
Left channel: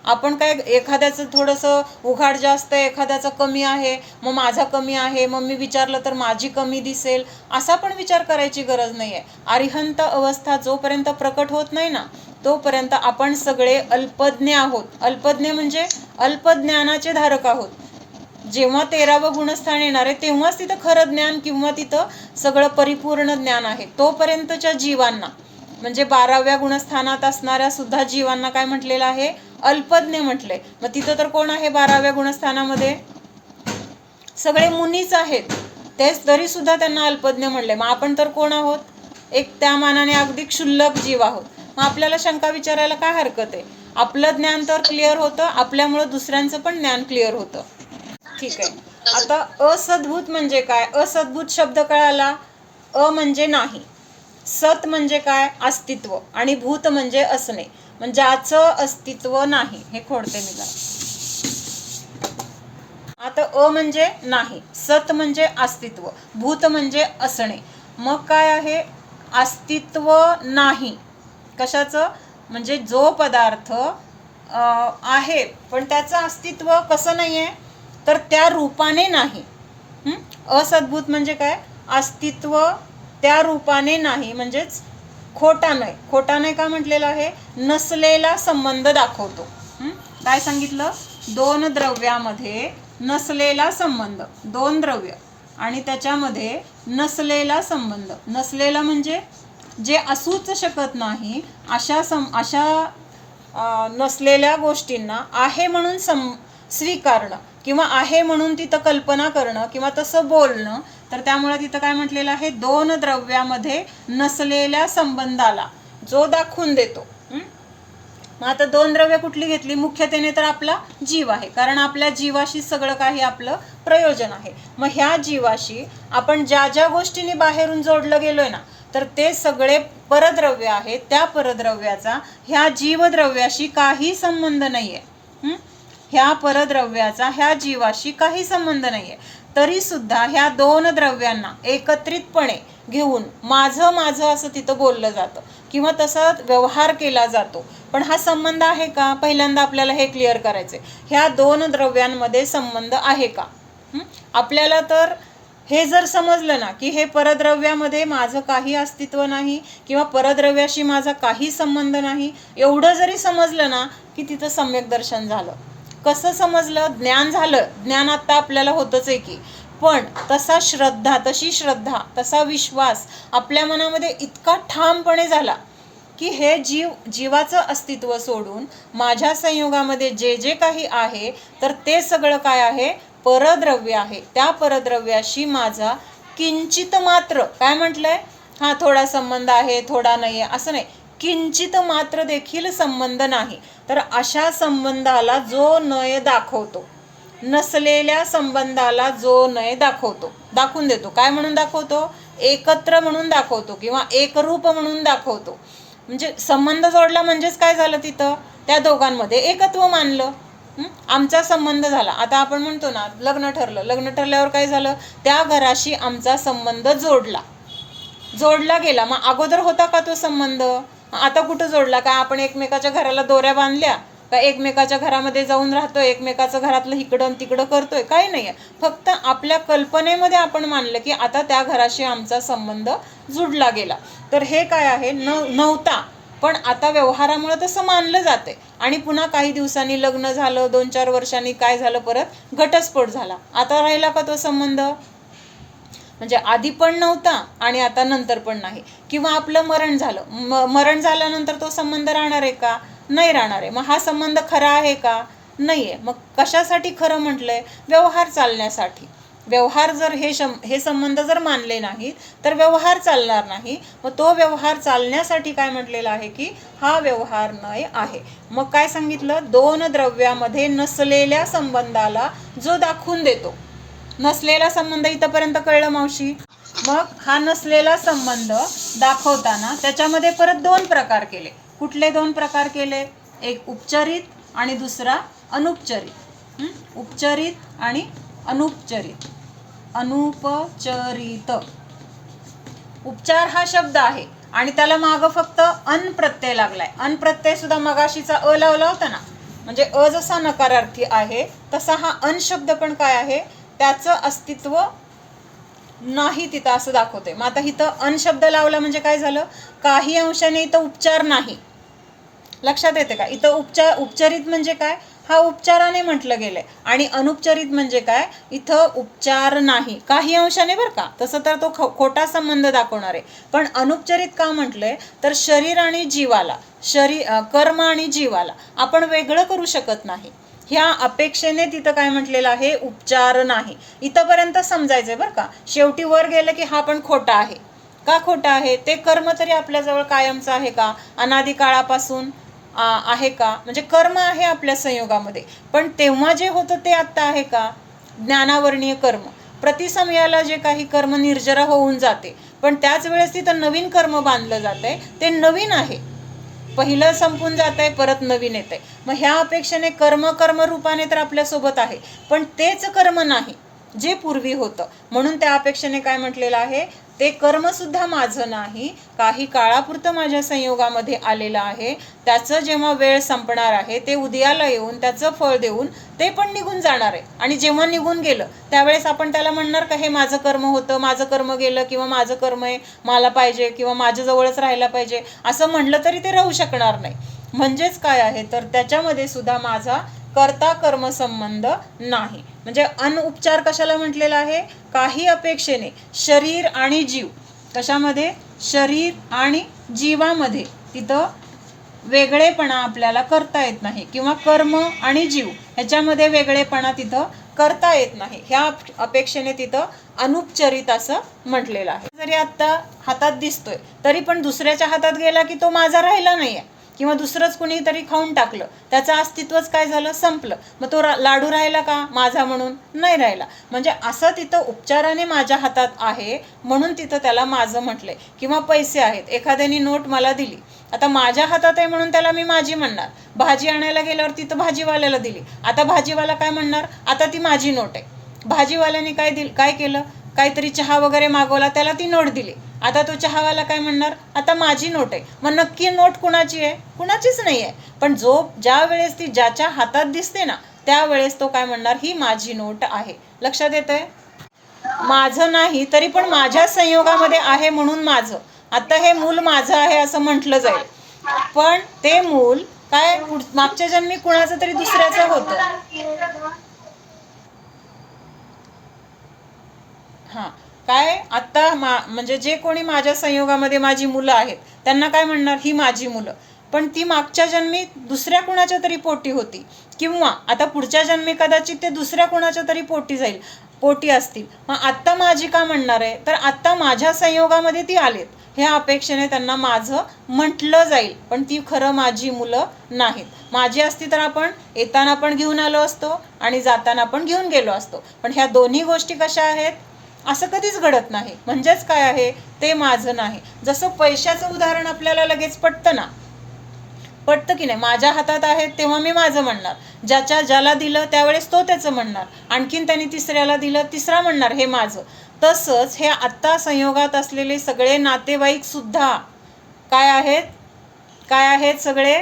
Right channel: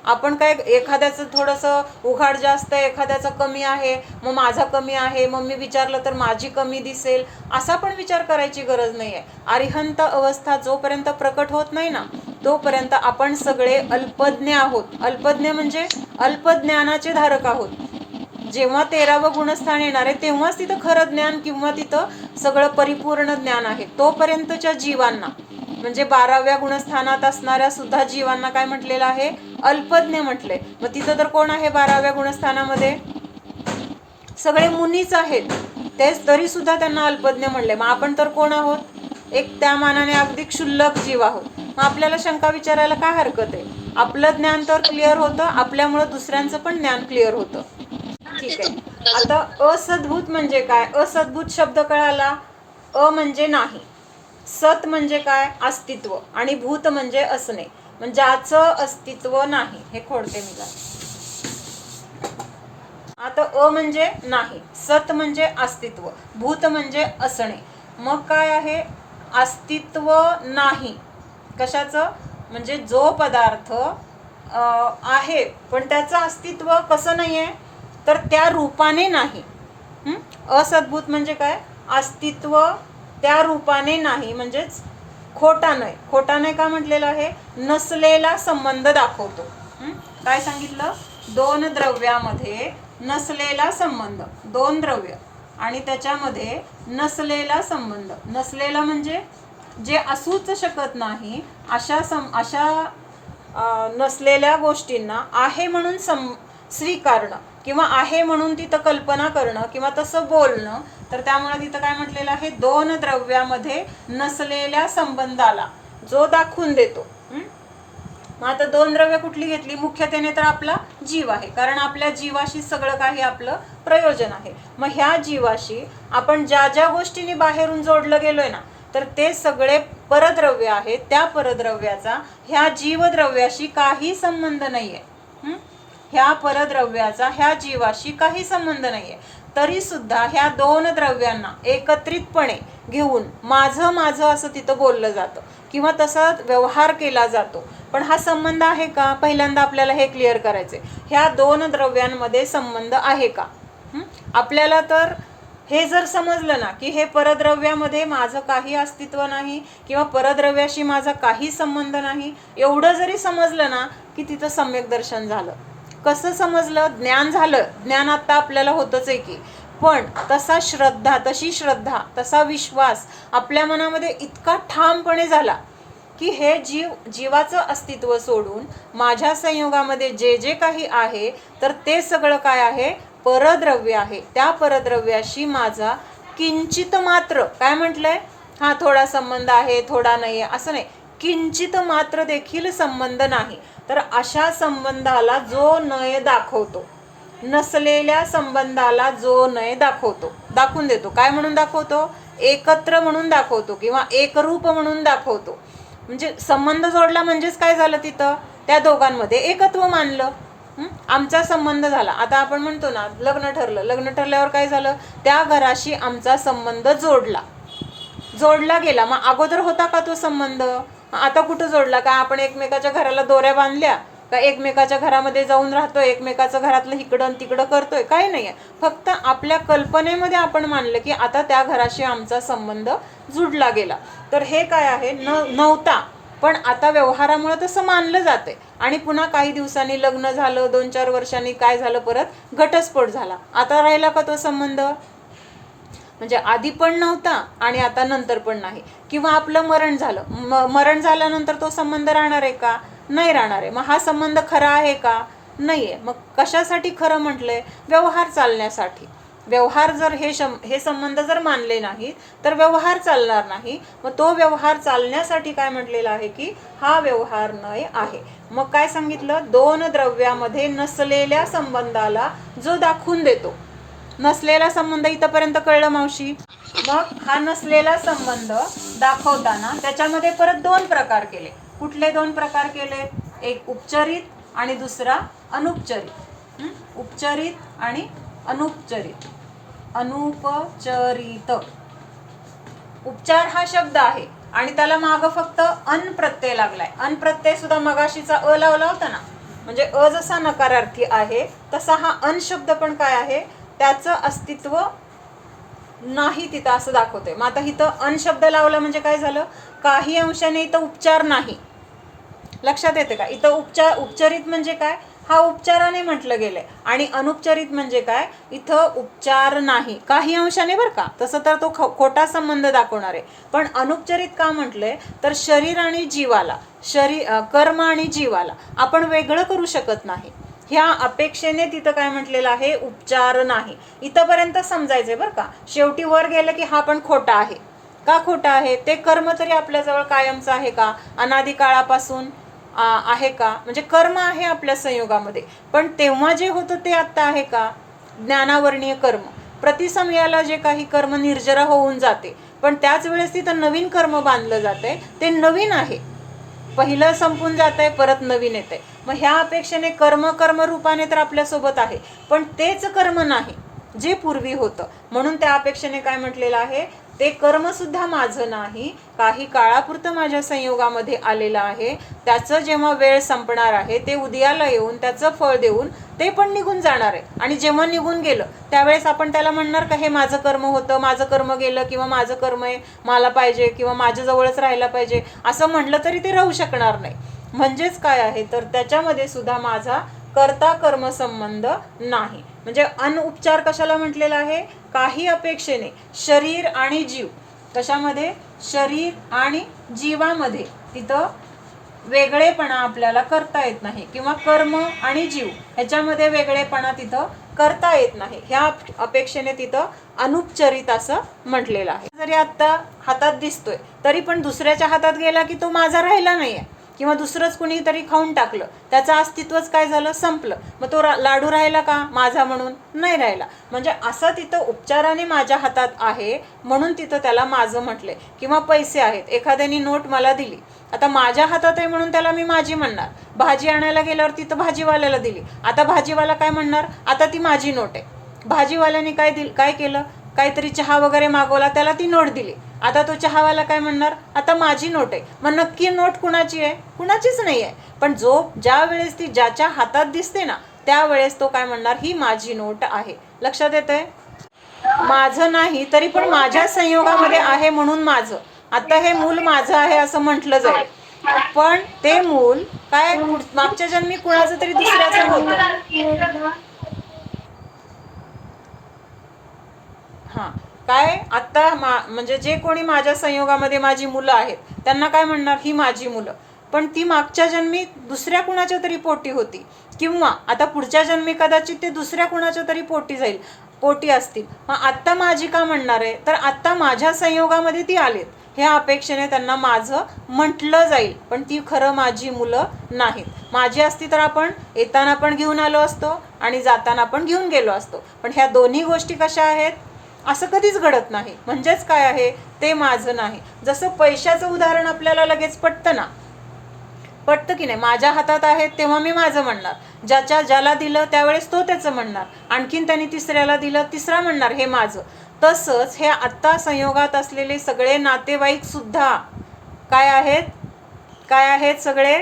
आपण काय एखाद्याचं थोडंसं उघाड जास्त आहे, एखाद्याचं कमी आहे, मग माझा कमी आहे, मग मी विचारलं तर माझी कमी दिसेल, असा पण विचार करायची गरज नाही आहे. अरिहंत अवस्था जोपर्यंत प्रकट होत नाही ना तोपर्यंत आपण सगळे अल्पज्ञ आहोत. अल्पज्ञ म्हणजे अल्पज्ञानाचे धारक आहोत. जेव्हा 13वं गुणस्थान येणार आहे तेव्हाच तिथं खरं ज्ञान किंवा तिथं सगळं परिपूर्ण ज्ञान आहे. तोपर्यंतच्या जीवांना म्हणजे 12व्या गुणस्थानात असणाऱ्या सुद्धा जीवांना काय म्हटलेलं आहे? अल्पज्ञ म्हटलंय. मग तिथं तर कोण आहे 12व्या गुणस्थानामध्ये? सगळे मुनीच आहेत. तेच तरी सुद्धा त्यांना अल्पज्ञ म्हणले. मग आपण तर कोण आहोत? एक त्या मानाने अगदी क्षुल्लक जीव आहोत. मग आपल्याला शंका विचारायला काय हरकत आहे? आपलं ज्ञान तर क्लिअर होतं, आपल्यामुळं दुसऱ्यांचं पण ज्ञान क्लिअर होतं. ठीक आहे. आता असद्भूत म्हणजे काय? असद्भूत शब्द कळाला. अ म्हणजे नाही, सत म्हणजे काय? अस्तित्व, आणि भूत म्हणजे असणे, म्हणजे ज्याचं अस्तित्व नाही. हे खोडते मी काय. आता अ म्हणजे नाही, सत म्हणजे अस्तित्व, भूत म्हणजे असणे. मग काय आहे? अस्तित्व नाही कशाचं? म्हणजे जो पदार्थ आहे पण त्याचं अस्तित्व कसं नाही आहे? तर त्या रूपाने नाही. असद्भूत म्हणजे काय? अस्तित्व त्या रूपाने नाही, म्हणजेच खोटा नाही. खोटा नाही का म्हटलेलं आहे? नसलेला संबंध दाखवतो. काय सांगितलं? दोन द्रव्यामध्ये नसलेला संबंध, दोन द्रव्य आणि त्याच्यामध्ये नसलेला संबंध. नसलेला म्हणजे जे असूच शकत नाही अशा नसलेल्या गोष्टींना आहे म्हणून स्वीकारणं किंवा आहे म्हणून तिथं कल्पना करणं किंवा तसं बोलणं. तर त्यामुळे तिथं काय म्हटलेलं आहे? दोन द्रव्यामध्ये नसलेल्या संबंधाला जो दाखवून देतो. मग आता दोन द्रव्य कुठली घेतली? मुख्यतेने तर आपला जीव आहे, कारण आपल्या जीवाशी सगळं काही आपलं प्रयोजन आहे. मग ह्या जीवाशी आपण ज्या ज्या गोष्टींनी बाहेरून जोडलं गेलोय ना तर ते सगळे परद्रव्य आहेत. त्या परद्रव्याचा ह्या जीवद्रव्याशी काही संबंध नाहीये. ह्या परद्रव्याचा ह्या जीवाशी काही संबंध नाहीये. तरी सुद्धा ह्या दोन द्रव्यांना एकत्रितपणे घेऊन माझं माझं असं तिथं बोललं जातं किंवा तसा व्यवहार केला जातो. पण हा संबंध आहे का? पहिल्यांदा आपल्याला हे क्लिअर करायचे. ह्या दोन द्रव्यांमध्ये संबंध आहे का? आपल्याला तर हे जर समजलं ना की हे परद्रव्यामध्ये माझं काही अस्तित्व नाही किंवा परद्रव्याशी माझा काही संबंध नाही, एवढं जरी समजलं ना की तिथं सम्यक दर्शन झालं. कसं समजलं? ज्ञान झालं. ज्ञान आता आपल्याला होतच आहे की, पण तशी श्रद्धा तसा विश्वास आपल्या मनामध्ये इतका ठामपणे झाला की हे जीवाचं अस्तित्व सोडून माझ्या संयोगामध्ये जे जे काही आहे तर ते सगळं काय आहे? परद्रव्य आहे. त्या परद्रव्याशी माझा किंचित मात्र, काय म्हटलंय? हा थोडा संबंध आहे, थोडा नाही आहे असं नाही, किंचित मात्र देखील संबंध नाही. तर अशा संबंधाला जो नय दाखवतो, नसलेल्या संबंधाला जो नय दाखवतो, दाखवून देतो. काय म्हणून दाखवतो? एकत्र म्हणून दाखवतो किंवा एकरूप म्हणून दाखवतो. म्हणजे संबंध जोडला म्हणजेच काय झालं? तिथं त्या दोघांमध्ये एकत्व मानलं. आमचा संबंध झाला. आता आपण म्हणतो ना लग्न ठरलं. लग्न ठरल्यावर काय झालं? त्या घराशी आमचा संबंध जोडला गेला. मग अगोदर होता का तो संबंध? आता कुठं जोडला? काय आपण एकमेकाच्या घराला दोऱ्या बांधल्या का? एकमेकाच्या घरामध्ये जाऊन राहतोय, एकमेकाचं घरातलं इकडं तिकडं करतोय? काय नाही आहे. फक्त आपल्या कल्पनेमध्ये आपण मानलं की आता त्या घराशी आमचा संबंध जुडला गेला. तर हे काय आहे? नव्हता, पण आता व्यवहारामुळे तसं मानलं जाते. आणि पुन्हा काही दिवसांनी लग्न झालं, 2-4 वर्षांनी काय झालं? परत घटस्फोट झाला. आता राहिला का तो संबंध? म्हणजे आधी पण नव्हता आणि आता नंतर पण नाही. किंवा आपलं मरण झालं, मरण झाल्यानंतर तो संबंध राहणार आहे का? नाही राहणार आहे. मग हा संबंध खरा आहे का? नाही आहे. मग कशासाठी खरं म्हटलंय? व्यवहार चालण्यासाठी. व्यवहार जर हे संबंध जर मानले नाही तर व्यवहार चालणार नाही. मग तो व्यवहार चालण्यासाठी काय म्हटलेलं आहे की हा व्यवहार नय आहे. मग काय सांगितलं? दोन द्रव्यामध्ये नसलेल्या संबंधाला जो दाखवून देतो. नसलेला संबंध इथंपर्यंत कळलं मावशी? मग हा नसलेला संबंध दाखवताना त्याच्यामध्ये परत दोन प्रकार केले. कुठले दोन प्रकार केले? एक उपचारित आणि दुसरा अनुपचारित. उपचारित आणि अनुपचारित. अनुपचारित. उपचार हा शब्द आहे आणि त्याला मागं फक्त अन प्रत्यय लागलाय. अन प्रत्यय सुद्धा मगाशीचा अ लावला होता ना, म्हणजे अ जसा नकारार्थी आहे तसा हा अन शब्द पण काय आहे, त्याचं अस्तित्व नाही तिथं असं दाखवते. मग आता इथं अन शब्द लावला म्हणजे काय झालं, काही अंशाने इथं उपचार नाही. लक्षात येते का? इथं उपचारित म्हणजे काय, हा उपचाराने म्हटलं गेलंय. आणि अनुपचारित म्हणजे काय, इथं उपचार नाही काही अंशाने बरं का, तसं तर तो खोटा संबंध दाखवणार आहे. पण अनुपचारित का म्हटलंय, तर शरीर आणि जीवाला, कर्म आणि जीवाला आपण वेगळं करू शकत नाही, ह्या अपेक्षेने तिथं काय म्हटलेलं आहे, उपचार नाही. इथंपर्यंत समजायचंय बरं का. शेवटी वर गेलं की हा पण खोटा आहे. का खोटा आहे, ते कर्म तरी आपल्याजवळ कायमचं आहे का, अनादी काळापासून आहे का, म्हणजे कर्म आहे आपल्या संयोगामध्ये, पण तेव्हा जे होतं ते आत्ता आहे का, ज्ञानावर्णीय कर्म. प्रतिसमयाला जे काही कर्म निर्जरा होऊन जाते, पण त्याच वेळेस तिथं नवीन कर्म बांधलं जातंय, ते नवीन आहे. पहिलं संपून जात आहे, परत नवीन येत आहे. मग ह्या अपेक्षेने कर्म रूपाने तर आपल्यासोबत आहे, पण तेच कर्म नाही जे पूर्वी होतं. म्हणून त्या अपेक्षेने काय म्हटलेलं आहे, ते कर्मसुद्धा माझं नाही, काही काळापुरतं माझ्या संयोगामध्ये आलेलं आहे. त्याचं जेव्हा वेळ संपणार आहे, ते उदयाला येऊन त्याचं फळ देऊन ते पण निघून जाणार आहे. आणि जेव्हा निघून गेलं त्यावेळेस आपण त्याला म्हणणार का, हे माझं कर्म होतं, माझं कर्म गेलं, किंवा माझं कर्म आहे मला पाहिजे, किंवा माझ्याजवळच राहायला पाहिजे, असं म्हणलं तरी ते राहू शकणार नाही. म्हणजेच काय आहे, तर त्याच्यामध्ये सुद्धा माझा कर्ता कर्म संबंध नाही. म्हणजे अनउपचार कशाला म्हटलेला आहे, काही अपेक्षेने शरीर आणि जीव, कशामध्ये, शरीर आणि जीवामध्ये तिथं वेगळेपणा आपल्याला करता येत नाही, किंवा कर्म आणि जीव ह्याच्यामध्ये वेगळेपणा तिथं करता येत नाही. ह्या अपेक्षेने तिथं अनुपचरित असं म्हटलेलं आहे. जरी आत्ता हातात दिसतोय तरी पण दुसऱ्याच्या हातात गेला की तो माझा राहिला नाही आहे, किंवा दुसरंच कुणीतरी खाऊन टाकलं, त्याचं अस्तित्वच काय झालं, संपलं. मग तो लाडू राहिला का माझा म्हणून, नाही राहिला. म्हणजे असं तिथं उपचाराने माझ्या हातात आहे म्हणून तिथं त्याला माझं म्हटलंय. किंवा पैसे आहेत, एखाद्याने नोट मला दिली, आता माझ्या हातात आहे म्हणून त्याला मी माझी म्हणणार. भाजी आणायला गेल्यावर तिथं भाजीवाल्याला दिली, आता भाजीवाला काय म्हणणार, आता ती माझी नोट आहे. भाजीवाल्याने काय केलं, काहीतरी चहा वगैरे मागवला, त्याला ती नोट दिली, आता तो चहावाला काय म्हणणार, आता माझी नोट आहे. मग नक्की नोट कुणाची आहे, कुणाचीच नाही आहे. पण ज्या वेळेस ती ज्याच्या हातात दिसते ना, त्यावेळेस तो काय म्हणणार, ही माझी नोट आहे. लक्षात येतंय, माझं नाही तरी पण माझ्या संयोगामध्ये आहे म्हणून माझं. आता हे मूल माझं आहे असं म्हटलं जाईल, पण ते मूल काय मागच्या जन्मी कुणाचं तरी दुसऱ्याचं होतं. हां, काय आत्ता म्हणजे जे कोणी माझ्या संयोगामध्ये माझी मुलं आहेत त्यांना काय म्हणणार, ही माझी मुलं, पण ती मागच्या जन्मी दुसऱ्या कुणाच्या तरी पोटी होती, किंवा आता पुढच्या जन्मी कदाचित ते दुसऱ्या कुणाच्या तरी पोटी असतील. मग आत्ता माझी का म्हणणार आहे, तर आत्ता माझ्या संयोगामध्ये ती आलेत, ह्या अपेक्षेने त्यांना माझं म्हटलं जाईल, पण ती खरं माझी मुलं नाहीत. माझी असती तर आपण येताना पण घेऊन आलो असतो आणि जाताना पण घेऊन गेलो असतो. पण ह्या दोन्ही गोष्टी कशा आहेत, असं कधीच घडत नाही. म्हणजेच काय आहे, ते माझं नाही. जसं पैशाचं उदाहरण आपल्याला लगेच पटतं ना, पटतं की नाही, माझ्या हातात आहेत तेव्हा मी माझं म्हणणार, ज्याला दिलं त्यावेळेस तो त्याचं म्हणणार, आणखीन त्याने तिसऱ्याला दिलं, तिसरा म्हणणार हे माझं. तसंच हे आत्ता संयोगात असलेले सगळे नातेवाईक सुद्धा काय आहेत, सगळे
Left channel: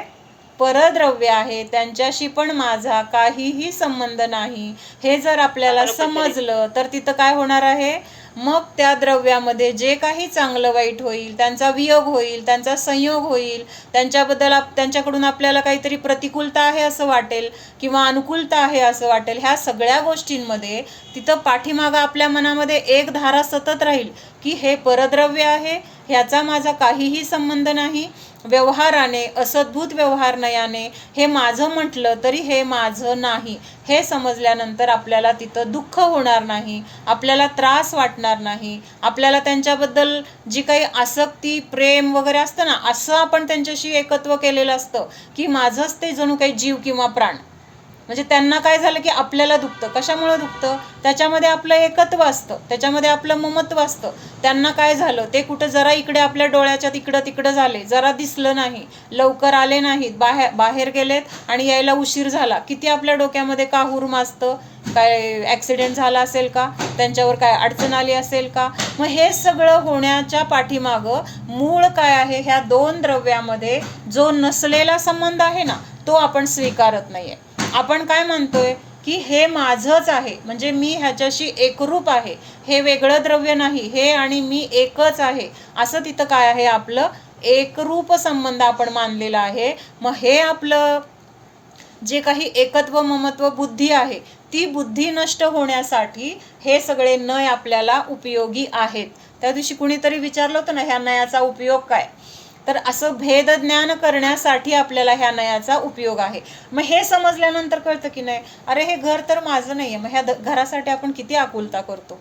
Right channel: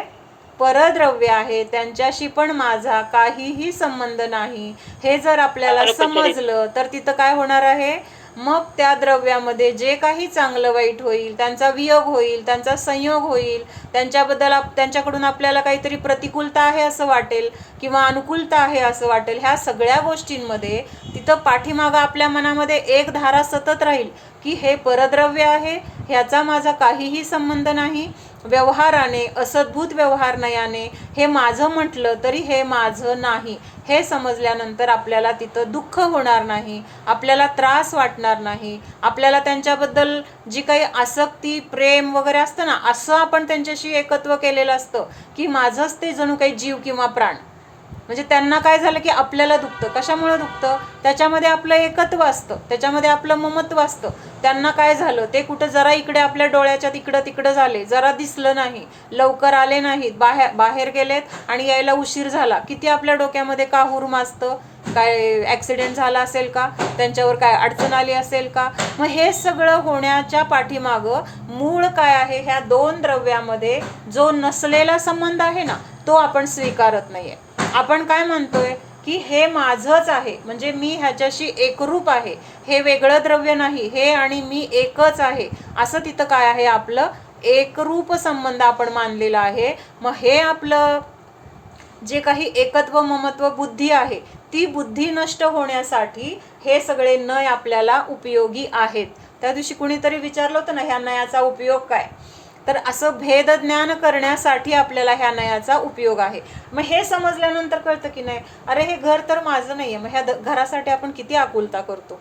परद्रव्य आहे, त्यांच्याशी पण माझा काहीही संबंध नाही. हे जर आपल्याला समजलं तर तिथं काय होणार आहे, मग त्या द्रव्यामध्ये जे काही चांगलं वाईट होईल, त्यांचा वियोग होईल, त्यांचा संयोग होईल, त्यांच्याकडून आपल्याला काहीतरी प्रतिकूलता आहे असं वाटेल, किंवा अनुकूलता आहे असं वाटेल. ह्या सगळ्या गोष्टींमध्ये तिथं पाठीमागं आपल्या मनामध्ये एक धारा सतत राहील की हे परद्रव्य आहे, ह्याचा माझा काहीही संबंध नाही. व्यवहाराने, असद्भूत व्यवहार नयाने हे माझं म्हटलं तरी हे माझं नाही, हे समजल्यानंतर आपल्याला तिथं दुःख होणार नाही, आपल्याला त्रास वाटणार नाही. आपल्याला त्यांच्याबद्दल जी काही आसक्ती, प्रेम वगैरे असतं ना, असं आपण त्यांच्याशी एकत्व केलेलं असतं की माझंच ते जणू काही जीव किंवा प्राण. म्हणजे त्यांना काय झालं की आपल्याला दुखतं. कशामुळे दुखतं, त्याच्यामध्ये आपलं एकत्व असतं, त्याच्यामध्ये आपलं ममत्व असतं. त्यांना काय झालं, ते कुठं जरा इकडे आपल्या डोळ्याच्या तिकडं झाले, जरा दिसलं नाही, लवकर आले नाहीत, बाहेर गेलेत आणि यायला उशीर झाला, किती आपल्या डोक्यामध्ये काहूर माजतं. काय ॲक्सिडेंट झाला असेल का, त्यांच्यावर काय अडचण आली असेल का. मग हे सगळं होण्याच्या पाठीमागं मूळ काय आहे, ह्या दोन द्रव्यामध्ये जो नसलेला संबंध आहे ना, तो आपण स्वीकारत नाही आहे. आपण काय म्हणतोय की हे माझंच आहे, म्हणजे मी ह्याच्याशी एकरूप आहे, हे वेगळं द्रव्य नाही, हे आणि मी एकच आहे, असं तिथं काय आहे, आपलं एकरूप संबंध आपण मानलेला आहे. मग हे आपलं जे काही एकत्व ममत्व बुद्धी आहे, ती बुद्धी नष्ट होण्यासाठी हे सगळे नय आपल्याला उपयोगी आहेत. त्या दिवशी कुणीतरी विचारलं होतं ना, ह्या नयाचा उपयोग काय, तर असं भेदज्ञान करण्यासाठी आपल्याला ह्या नयाचा उपयोग आहे. मग हे समजल्यानंतर कळतं की नाही, अरे हे घर तर माझं नाही आहे, मग ह्या घरासाठी आपण किती आकुलता करतो,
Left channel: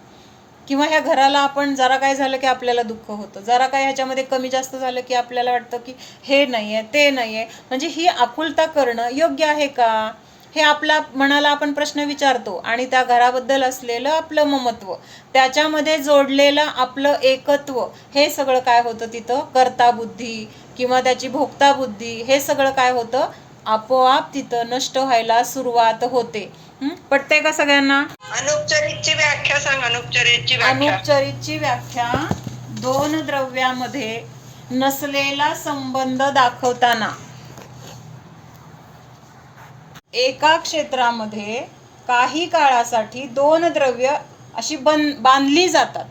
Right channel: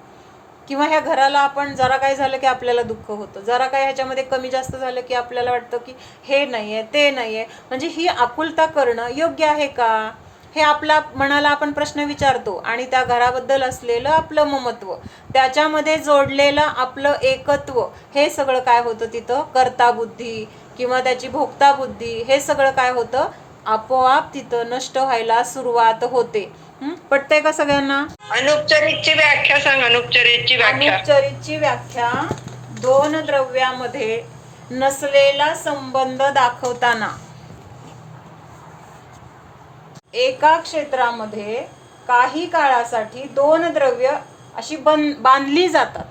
किंवा ह्या घराला आपण जरा काय झालं की आपल्याला दुःख होतं, जरा काय ह्याच्यामध्ये कमी जास्त झालं की आपल्याला वाटतं की हे नाही आहे, ते नाही आहे. म्हणजे ही आकुलता करणं योग्य आहे का, हे आपल्या मनाला आपण प्रश्न विचारतो. आणि त्या घराबद्दल असलेलं आपलं ममत्व, त्याच्यामध्ये जोडलेलं आपलं एकत्व, हे सगळं काय होतं तिथं, कर्ता बुद्धी किंवा त्याची भोक्ता बुद्धी, हे सगळं काय होतं, आपोआप तिथं नष्ट व्हायला सुरुवात होते. पटतंय का सगळ्यांना? अनुपचरितची व्याख्या सांग. अनुपचरितची व्याख्या, दोन द्रव्यामध्ये नसलेला संबंध दाखवताना एका क्षेत्रामध्ये काही काळासाठी दोन द्रव्य अशी बांधली जातात,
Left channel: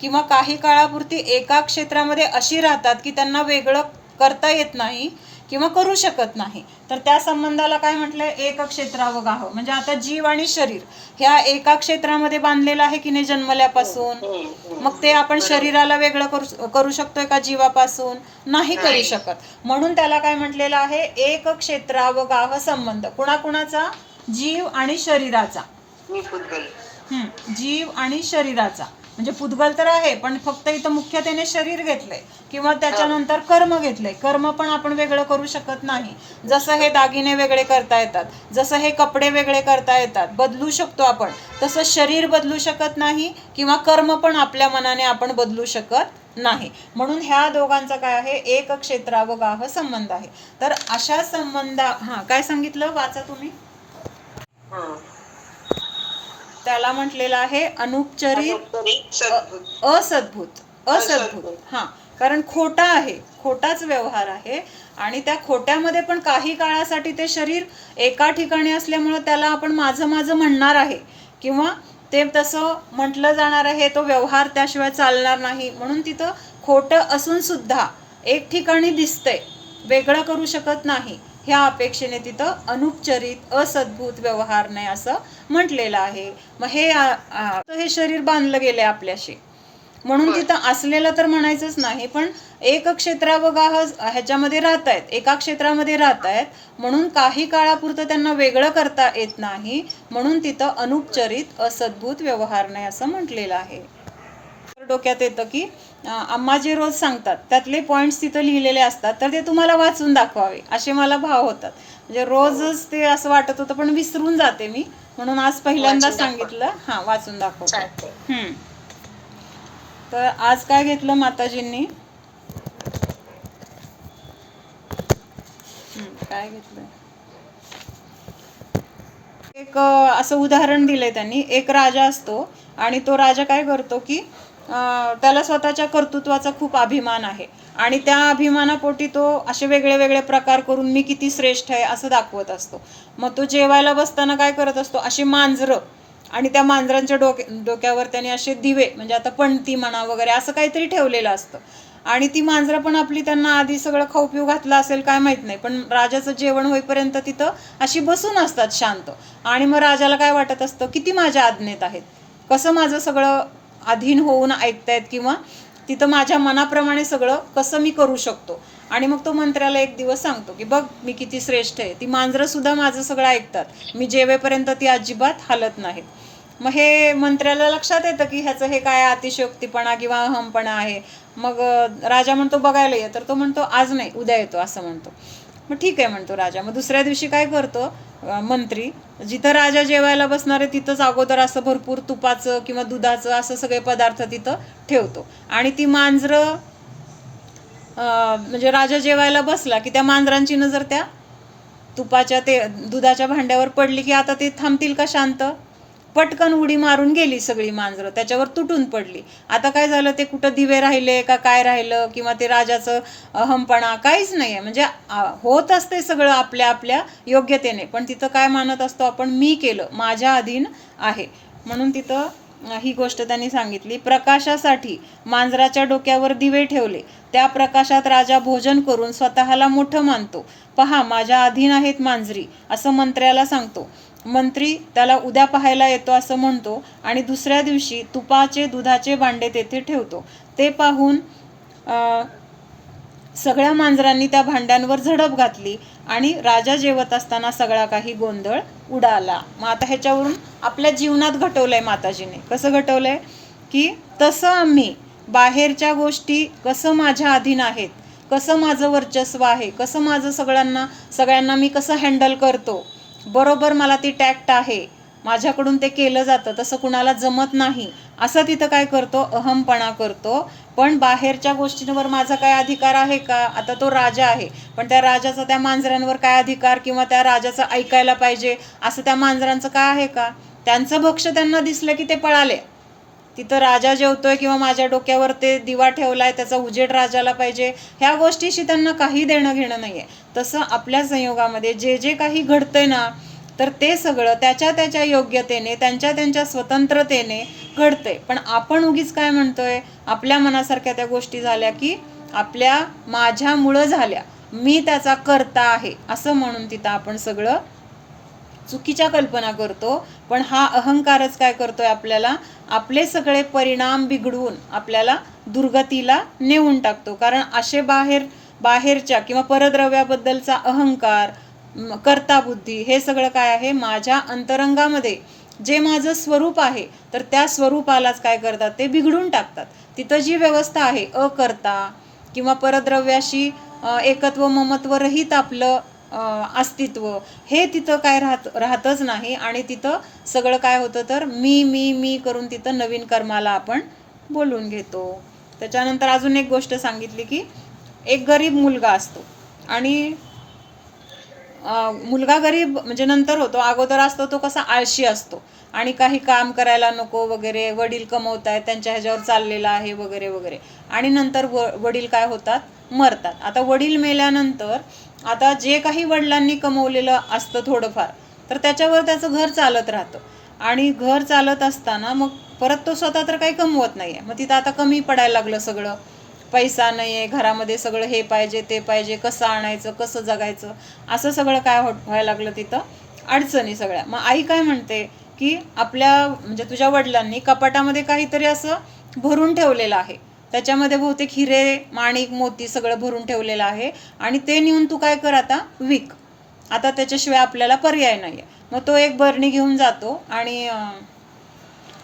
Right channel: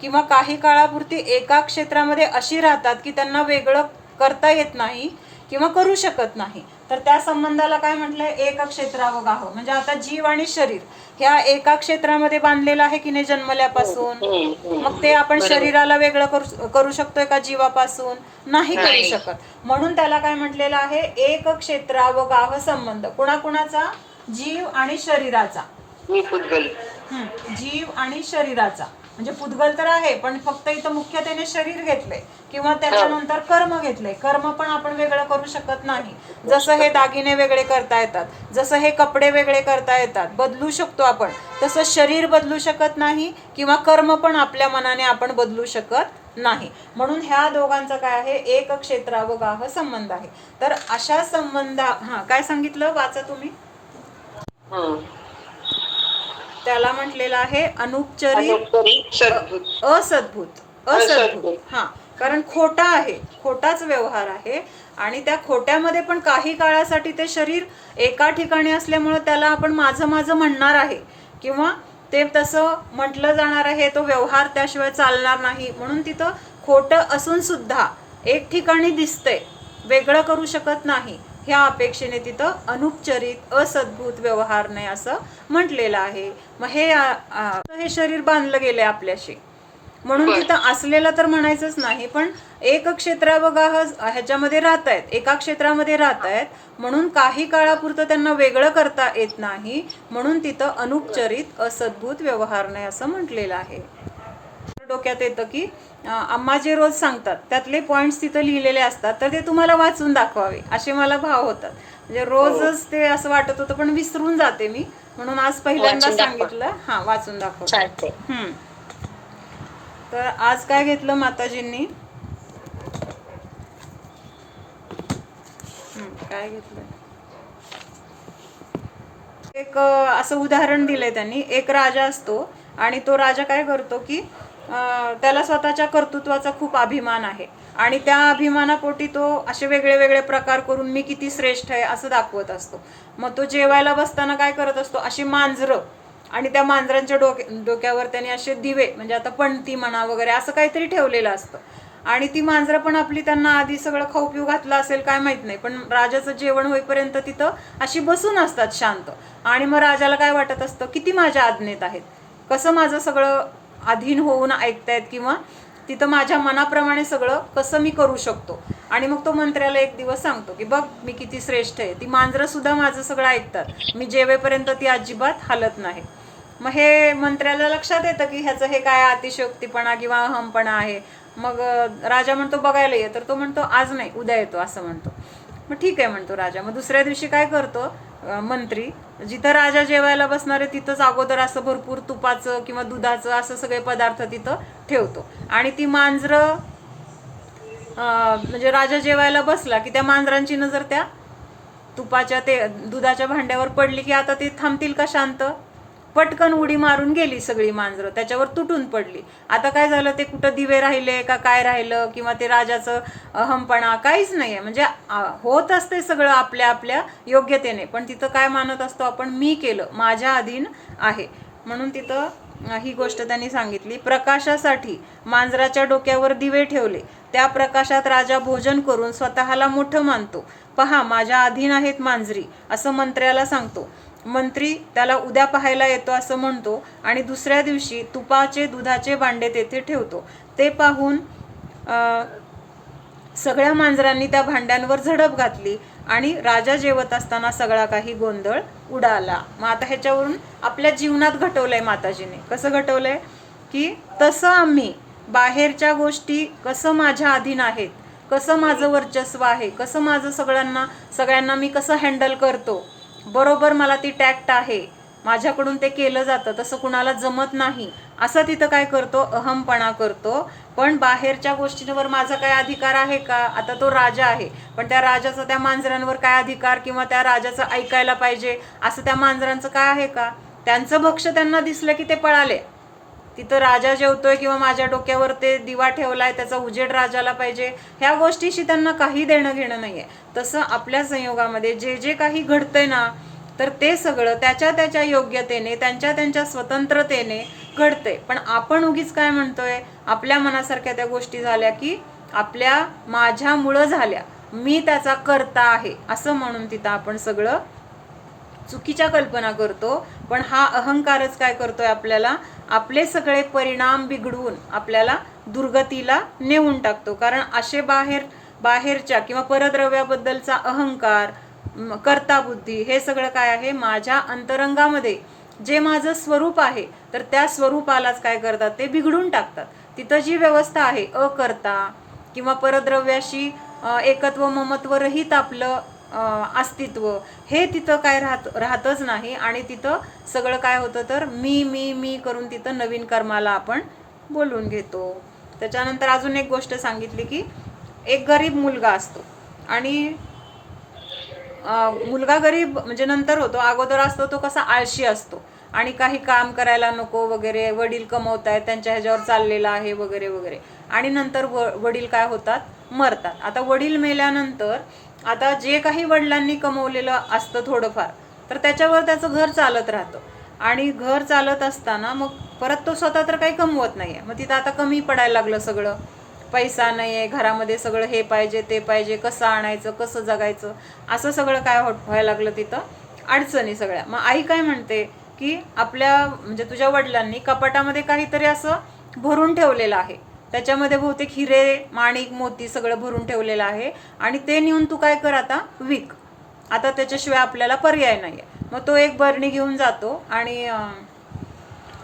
किंवा काही काळापुरती एका क्षेत्रामध्ये अशी राहतात की त्यांना वेगळं करता येत नाही किंवा करू शकत नाही. तर त्या संबंधाला काय म्हटलंय, एक क्षेत्रावगाह. म्हणजे आता जीव आणि शरीर ह्या एका क्षेत्रामध्ये बांधलेलं आहे की नाही जन्मल्यापासून. मग ते आपण शरीराला वेगळं करू शकतोय का जीवापासून, नाही करू शकत. म्हणून त्याला काय म्हटलेलं आहे, एक क्षेत्रावगाह संबंध. कुणाकुणाचा, जीव आणि शरीराचा. जीव आणि शरीराचा, म्हणजे पुद्गल तर आहे, पण फक्त इथं मुख्यतेने शरीर घेतले, किंवा त्याच्यानंतर कर्म घेतले. कर्म पण आपण वेगळं करू शकत नाही. जसं हे दागिने वेगळे करता येतात, जसं हे कपडे वेगळे करता येतात, बदलू शकतो आपण, तसं शरीर बदलू शकत नाही, किंवा कर्म पण आपल्या मनाने आपण बदलू शकत नाही. म्हणून ह्या दोघांचा काय आहे, एक क्षेत्रावगाह संबंध आहे. तर अशा संबंधा, काय सांगितलं, वाचा तुम्ही. त्याला म्हटलेलं आहे अनुपचरित असद्भूत. कारण खोटा आहे, खोटाच व्यवहार आहे. आणि त्या खोट्यामध्ये पण काही काळासाठी ते शरीर एका ठिकाणी असल्यामुळं त्याला आपण माझं माझं म्हणणार आहे, किंवा ते तसं म्हटलं जाणार आहे, तो व्यवहार त्याशिवाय चालणार नाही. म्हणून तिथं खोटं असून सुद्धा एक ठिकाणी दिसतंय, वेगळं करू शकत नाही, ह्या अपेक्षेने तिथं अनुपचरित असद्भूत व्यवहार नाही असं म्हटलेलं आहे. मग हे शरीर बांधलं गेले आपल्याशी, म्हणून तिथं असलेलं तर म्हणायचंच नाही, पण एक क्षेत्रावगाह ह्याच्यामध्ये राहत आहेत, एका क्षेत्रामध्ये राहत आहेत, म्हणून काही काळापुरतं त्यांना वेगळं करता येत नाही. म्हणून तिथं अनुपचरित असद्भूत व्यवहार नाही असं म्हटलेलं आहे. डोक्यात येतं की आम्हा जे रोज सांगतात त्यातले पॉईंट्स तिथं लिहिलेले असतात, तर ते तुम्हाला वाचून दाखवावे असे मला भाव होतात. म्हणजे रोजच ते असं वाटत होतं, पण विसरून जाते मी, म्हणून आज पहिल्यांदा सांगितलं, वाचून दाखवते. तर आज काय घेतलं माताजींनी, काय घेतलं, एक असं उदाहरण दिलंय त्यांनी. एक राजा असतो, आणि तो राजा काय करतो की त्याला स्वतःच्या कर्तृत्वाचा खूप अभिमान आहे, आणि त्या अभिमानापोटी तो असे वेगळे वेगळे प्रकार करून मी किती श्रेष्ठ आहे असं दाखवत असतो. मग तो जेवायला बसताना काय करत असतो, अशी मांजरं, आणि त्या मांजरांच्या डोक्यावर त्याने असे दिवे, म्हणजे आता पणती म्हणा वगैरे असं काहीतरी ठेवलेलं असतं. आणि ती मांजरं पण आपली त्यांना आधी सगळं खाऊ पिऊ घातलं असेल काय माहीत नाही, पण राजाचं जेवण होईपर्यंत तिथं अशी बसून असतात शांत. आणि मग राजाला काय वाटत असतं, किती माझ्या आज्ञेत आहेत, कसं माझं सगळं अधीन होऊन ऐकतायत, किंवा तिथं माझ्या मनाप्रमाणे सगळं कसं मी करू शकतो. आणि मग तो मंत्र्याला एक दिवस सांगतो की बघ मी किती श्रेष्ठ आहे, ती मांजरं सुद्धा माझं सगळं ऐकतात, मी जेवेपर्यंत ती अजिबात हालत नाही. मग हे मंत्र्याला लक्षात येतं की ह्याचं हे काय अतिशयोक्तीपणा किंवा अहमपणा आहे. मग राजा म्हणतो बघायला ये, तर तो म्हणतो आज नाही, उद्या येतो असं म्हणतो. मग ठीक आहे म्हणतो राजा. मग दुसऱ्या दिवशी काय करतो मंत्री, जिथं राजा जेवायला बसणार आहे तिथंच अगोदर असं भरपूर तुपाचं किंवा दुधाचं असं सगळे पदार्थ तिथं ठेवतो. आणि ती मांजरं, म्हणजे राजा जेवायला बसला की त्या मांजरांची नजर त्या तुपाच्या ते दुधाच्या भांड्यावर पडली की आता ते थांबतील का शांत, पटकन उडी मारून गेली सगळी मांजरं, त्याच्यावर तुटून पडली. आता काय झालं, ते कुठं दिवे राहिले का काय राहिलं, किंवा ते राजाचं अहमपणा काहीच नाही आहे. म्हणजे होत असते सगळं आपल्या आपल्या योग्यतेने, पण तिथं काय मानत असतो आपण, मी केलं, माझ्या अधीन आहे. म्हणून तिथं ही गोष्ट त्यांनी सांगितली. प्रकाशासाठी मांजराच्या डोक्यावर दिवे ठेवले, त्या प्रकाशात राजा भोजन करून स्वतःला मोठं मानतो. पहा, माझ्या अधीन आहेत मांजरी, असं मंत्र्याला सांगतो. मंत्री त्याला उद्या पाहायला येतो असं म्हणतो आणि दुसऱ्या दिवशी तुपाचे दुधाचे भांडे तेथे ठेवतो. ते पाहून सगळ्या मांजरांनी त्या भांड्यांवर झडप घातली आणि राजा जेवत असताना सगळा काही गोंधळ उडाला. मग आता ह्याच्यावरून आपल्या जीवनात घटवलंय माताजीने. कसं घटवलंय की तसं आम्ही बाहेरच्या गोष्टी कसं माझ्या अधीन आहेत, कसं माझं वर्चस्व आहे, कसं माझं सगळ्यांना मी कसं हँडल करतो, बरोबर मला ती टॅक्ट आहे, माझ्याकडून ते केलं जातं, तसं कुणाला जमत नाही, असं तिथं काय करतो, अहमपणा करतो. पण बाहेरच्या गोष्टींवर माझा काय अधिकार आहे का? आता तो राजा आहे, पण त्या राजाचा त्या मांजरांवर काय अधिकार, किंवा त्या राजाचं ऐकायला पाहिजे असं त्या मांजरांचं काय आहे का? त्यांचं भक्ष त्यांना दिसलं की ते पळाले. तिथं राजा जेवतोय किंवा माझ्या डोक्यावर ते दिवा ठेवलाय, त्याचा उजेड राजाला पाहिजे, ह्या गोष्टीशी त्यांना काही देणं घेणं नाही आहे. तसं आपल्या संयोगामध्ये जे जे काही घडतंय ना, तर ते सगळं त्याच्या त्याच्या योग्यतेने, त्यांच्या स्वतंत्रतेने घडतंय. पण आपण उगीच काय म्हणतोय, आपल्या मनासारख्या त्या गोष्टी झाल्या की माझ्यामुळं झाल्या, मी त्याचा कर्ता आहे असं म्हणून तिथं आपण सगळं चुकीच्या कल्पना करतो. पण हा अहंकारच काय करतोय, आपल्याला आपले सगळे परिणाम बिघडवून आपल्याला दुर्गतीला नेऊन टाकतो. कारण असे बाहेरच्या किंवा परद्रव्याबद्दलचा अहंकार, कर्ताबुद्धी, हे सगळं काय आहे, माझ्या अंतरंगामध्ये जे माझं स्वरूप आहे, तर त्या स्वरूपालाच काय करतात, ते बिघडून टाकतात. तिथं जी व्यवस्था आहे अकर्ता किंवा परद्रव्याशी एकत्व ममत्व रहित आपलं अस्तित्व, हे तिथं काय राहतच नाही. आणि तिथं सगळं काय होतं, तर मी मी मी करून तिथं नवीन कर्माला आपण बोलून घेतो. त्याच्यानंतर अजून एक गोष्ट सांगितली की एक गरीब मुलगा असतो, आणि मुलगा गरीब म्हणजे नंतर होतो, अगोदर असतो तो कसा आळशी असतो आणि काही काम करायला नको वगैरे, वडील कमवत आहेत, त्यांच्या ह्याच्यावर चाललेला आहे वगैरे वगैरे. आणि नंतर वडील काय होतात, मरतात. आता वडील मेल्यानंतर आता जे काही वडिलांनी कमवलेलं असतं थोडंफार, तर त्याच्यावर त्याचं घर चालत राहतं. आणि घर चालत असताना मग परत तो स्वतः तर काही कमवत नाही आहे. मग तिथं आता कमी पडायला लागलं सगळं, पैसा नाही आहे घरामध्ये, सगळं हे पाहिजे ते पाहिजे, कसं आणायचं, कसं जगायचं, असं सगळं काय व्हायला लागलं, तिथं अडचणी सगळ्या. मग आई काय म्हणते की म्हणजे तुझ्या वडिलांनी कपाटामध्ये काहीतरी असं भरून ठेवलेलं आहे, त्याच्यामध्ये बहुतेक हिरे माणिक मोती सगळं भरून ठेवलेलं आहे, आणि ते नेऊन तू काय कर, आता विक, आता त्याच्याशिवाय आपल्याला पर्याय नाही आहे. मग तो एक बरणी घेऊन जातो, आणि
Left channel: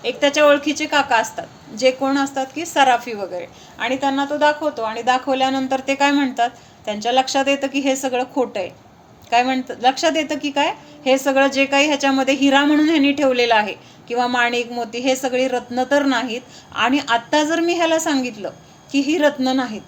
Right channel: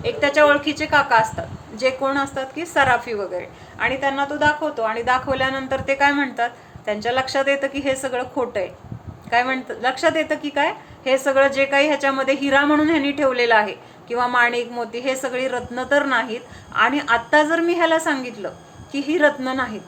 एक त्याच्या ओळखीचे काका असतात, जे कोण असतात की सराफी वगैरे, आणि त्यांना तो दाखवतो. आणि दाखवल्यानंतर ते काय म्हणतात, त्यांच्या लक्षात येतं की हे सगळं खोटं आहे. काय म्हणतात, लक्षात येतं की काय, हे सगळं जे काही ह्याच्यामध्ये हिरा म्हणून ह्यांनी ठेवलेलं आहे किंवा माणिक मोती, हे सगळी रत्न तर नाहीत. आणि आत्ता जर मी ह्याला सांगितलं की ही रत्न नाहीत,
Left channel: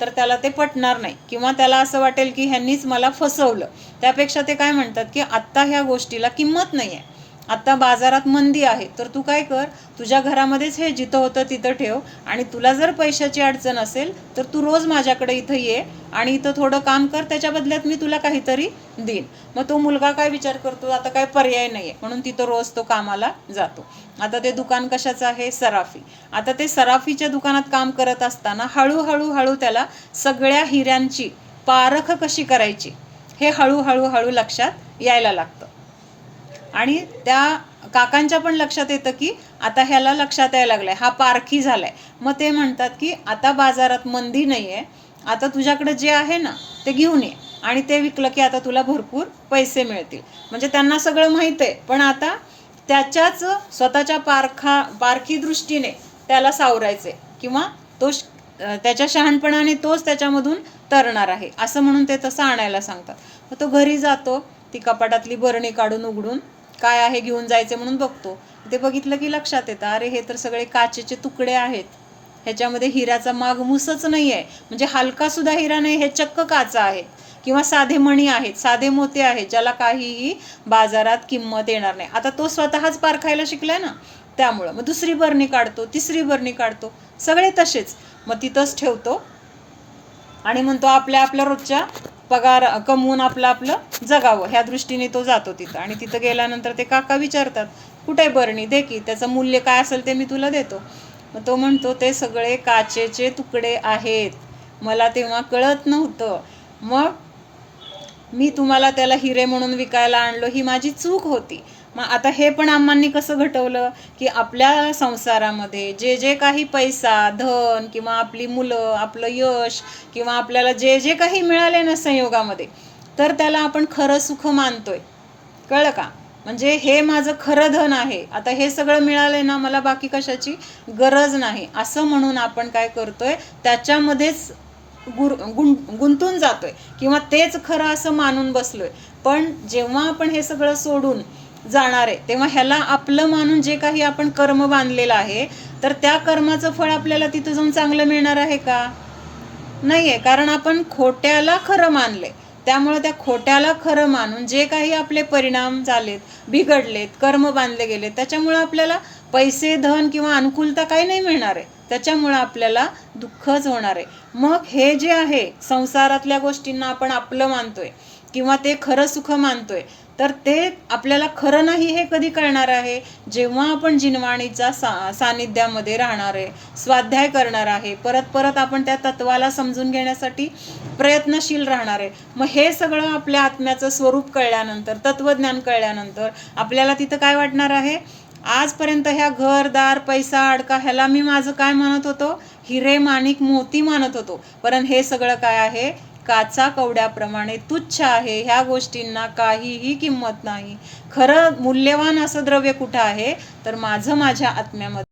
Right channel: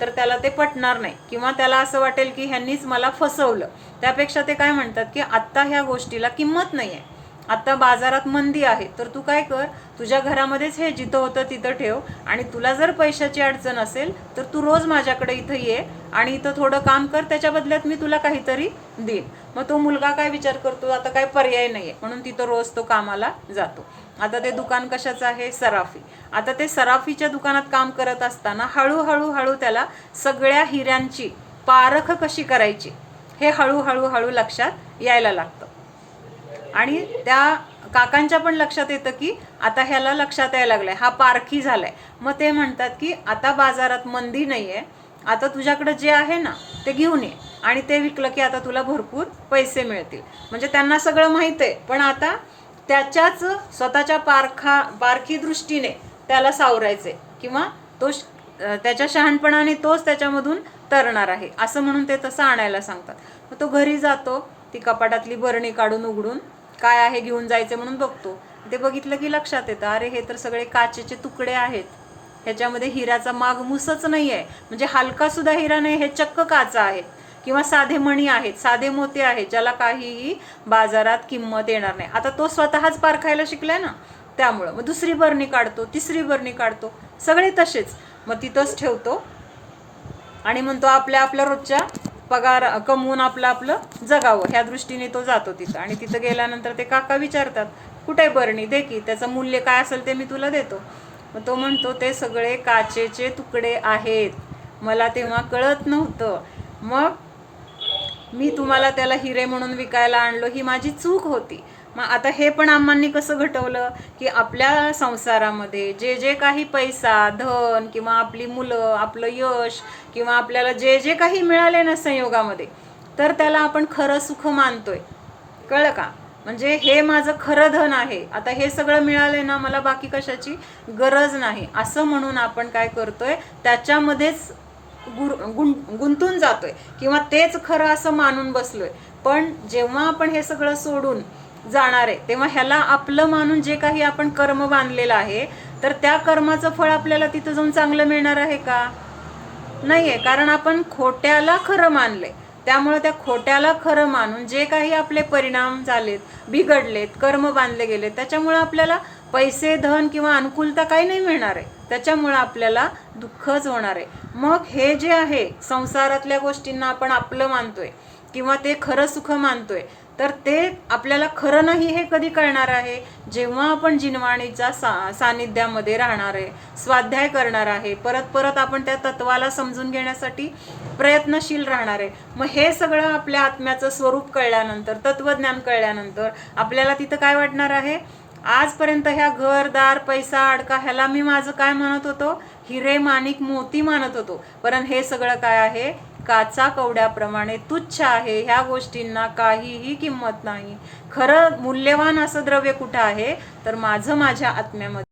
तर त्याला ते पटणार नाही, किंवा त्याला असं वाटेल की ह्यांनीच मला फसवलं. त्यापेक्षा ते काय म्हणतात की आत्ता ह्या गोष्टीला किंमत नाही आहे, आत्ता बाजारात मंदी आहे, तर तू काय कर, तुझ्या घरामध्येच हे जिथं होतं तिथं ठेव, आणि तुला जर पैशाची अडचण असेल तर तू रोज माझ्याकडे इथं ये आणि इथं थोडं काम कर, त्याच्या बदल्यात मी तुला काहीतरी देईन. मग तो मुलगा काय विचार करतो, आता काय पर्याय नाही आहे, म्हणून तिथं रोज तो कामाला जातो. आता ते दुकान कशाचं आहे, सराफी. आता ते सराफीच्या दुकानात काम करत असताना हळूहळू त्याला सगळ्या हिऱ्यांची पारख कशी करायची हे हळूहळू लक्षात यायला लागतं. आणि त्या काकांच्या पण लक्षात येतं की आता ह्याला लक्षात यायला लागलंय, हा पारखी झालाय. मग ते म्हणतात की आता बाजारात मंदी नाही आहे, आता तुझ्याकडे जे आहे ना ते घेऊन ये, आणि ते विकलं की आता तुला भरपूर पैसे मिळतील. म्हणजे त्यांना सगळं माहीत आहे, पण आता त्याच्याच स्वतःच्या पारखी दृष्टीने त्याला सावरायचे, किंवा त्याच्या शहाणपणाने तोच त्याच्यामधून तरणार आहे असं म्हणून ते तसं आणायला सांगतात. मग तो घरी जातो, ती कपाटातली बरणी काढून उघडून काय आहे घेऊन जायचं म्हणून बघतो. ते बघितलं की लक्षात येतं, अरे हे तर सगळे काचेचे तुकडे आहेत, ह्याच्यामध्ये हिऱ्याचा मागमूसच नाही आहे, म्हणजे हलका सुद्धा हिरा नाही, हे चक्क काचा आहे किंवा साधे मणी आहेत, साधे मोते आहेत, ज्याला काहीही बाजारात किंमत येणार नाही. आता तो स्वतःच पारखायला शिकलाय ना, त्यामुळं मग दुसरी बरणी काढतो, तिसरी बरणी काढतो, सगळे तसेच. मग तिथंच ठेवतो आणि म्हणतो आपल्या आपल्या रोजच्या पगार कमवून आपलं आपलं जगावं, ह्या दृष्टीने तो जातो तिथं. आणि तिथं गेल्यानंतर ते काका विचारतात, कुठे बरणी, दे की, त्याचं मूल्य काय असेल ते मी तुला देतो. मग तो म्हणतो ते सगळे काचेचे तुकडे आहेत, मला तेव्हा कळत नव्हतं, मग मी तुम्हाला त्याला हिरे म्हणून विकायला आणलो, ही माझी चूक होती. मग आता हे पण अम्मांनी कसं घटवलं की आपल्या संसारामध्ये जे जे काही पैसा, धन किंवा आपली मुलं, आपलं यश किंवा आपल्याला जे जे काही मिळाले ना संयोगामध्ये, तर त्याला आपण खरं सुख मानतोय. कळलं का? म्हणजे हे माझं खरं धन आहे, आता हे सगळं मिळालंय ना, मला बाकी कशाची गरज नाही, असं म्हणून आपण काय करतोय, त्याच्यामध्येच गुंतून जातोय किंवा तेच खरं असं मानून बसलोय. पण जेव्हा आपण हे सगळं सोडून जाणार आहे तेव्हा ह्याला आपलं मानून जे काही आपण कर्म बांधलेलं आहे, तर त्या कर्माचं फळ आपल्याला तिथं जाऊन चांगलं मिळणार आहे का? नाही आहे, कारण आपण खोट्याला खरं मानले. त्यामुळे त्या खोट्याला खरं मानून जे काही आपले परिणाम झालेत, बिघडलेत, कर्म बांधले गेले, त्याच्यामुळे आपल्याला पैसे, धन किंवा अनुकूलता काही नाही मिळणार आहे, त्याच्यामुळे आपल्याला दुःखच होणार आहे. मग हे जे आहे संसारातल्या गोष्टींना आपण आपलं मानतोय किंवा ते खरं सुख मानतोय, तर ते आपल्याला खरं नाही हे कधी कळणार आहे, जेव्हा आपण जिनवाणीच्या सानिध्यामध्ये राहणार आहे, स्वाध्याय करणार आहे, परत परत आपण त्या तत्वाला समजून घेण्यासाठी प्रयत्नशील राहणार आहे. मग हे सगळं आपल्या आत्म्याचं स्वरूप कळल्यानंतर, तत्वज्ञान कळल्यानंतर आपल्याला तिथं काय वाटणार आहे, आजपर्यंत ह्या घरदार, पैसा, अडका ह्याला मी माझं काय म्हणत होतो, हिरे, माणिक, मोती मानत होतो, पण हे सगळं काय आहे, काचा कवड्याप्रमाणे तुच्छ आहे. ह्या गोष्टींना काहीही किंमत नाही. खरं मूल्यवान असं द्रव्य कुठं आहे, तर माझं माझ्या आत्म्यामध्ये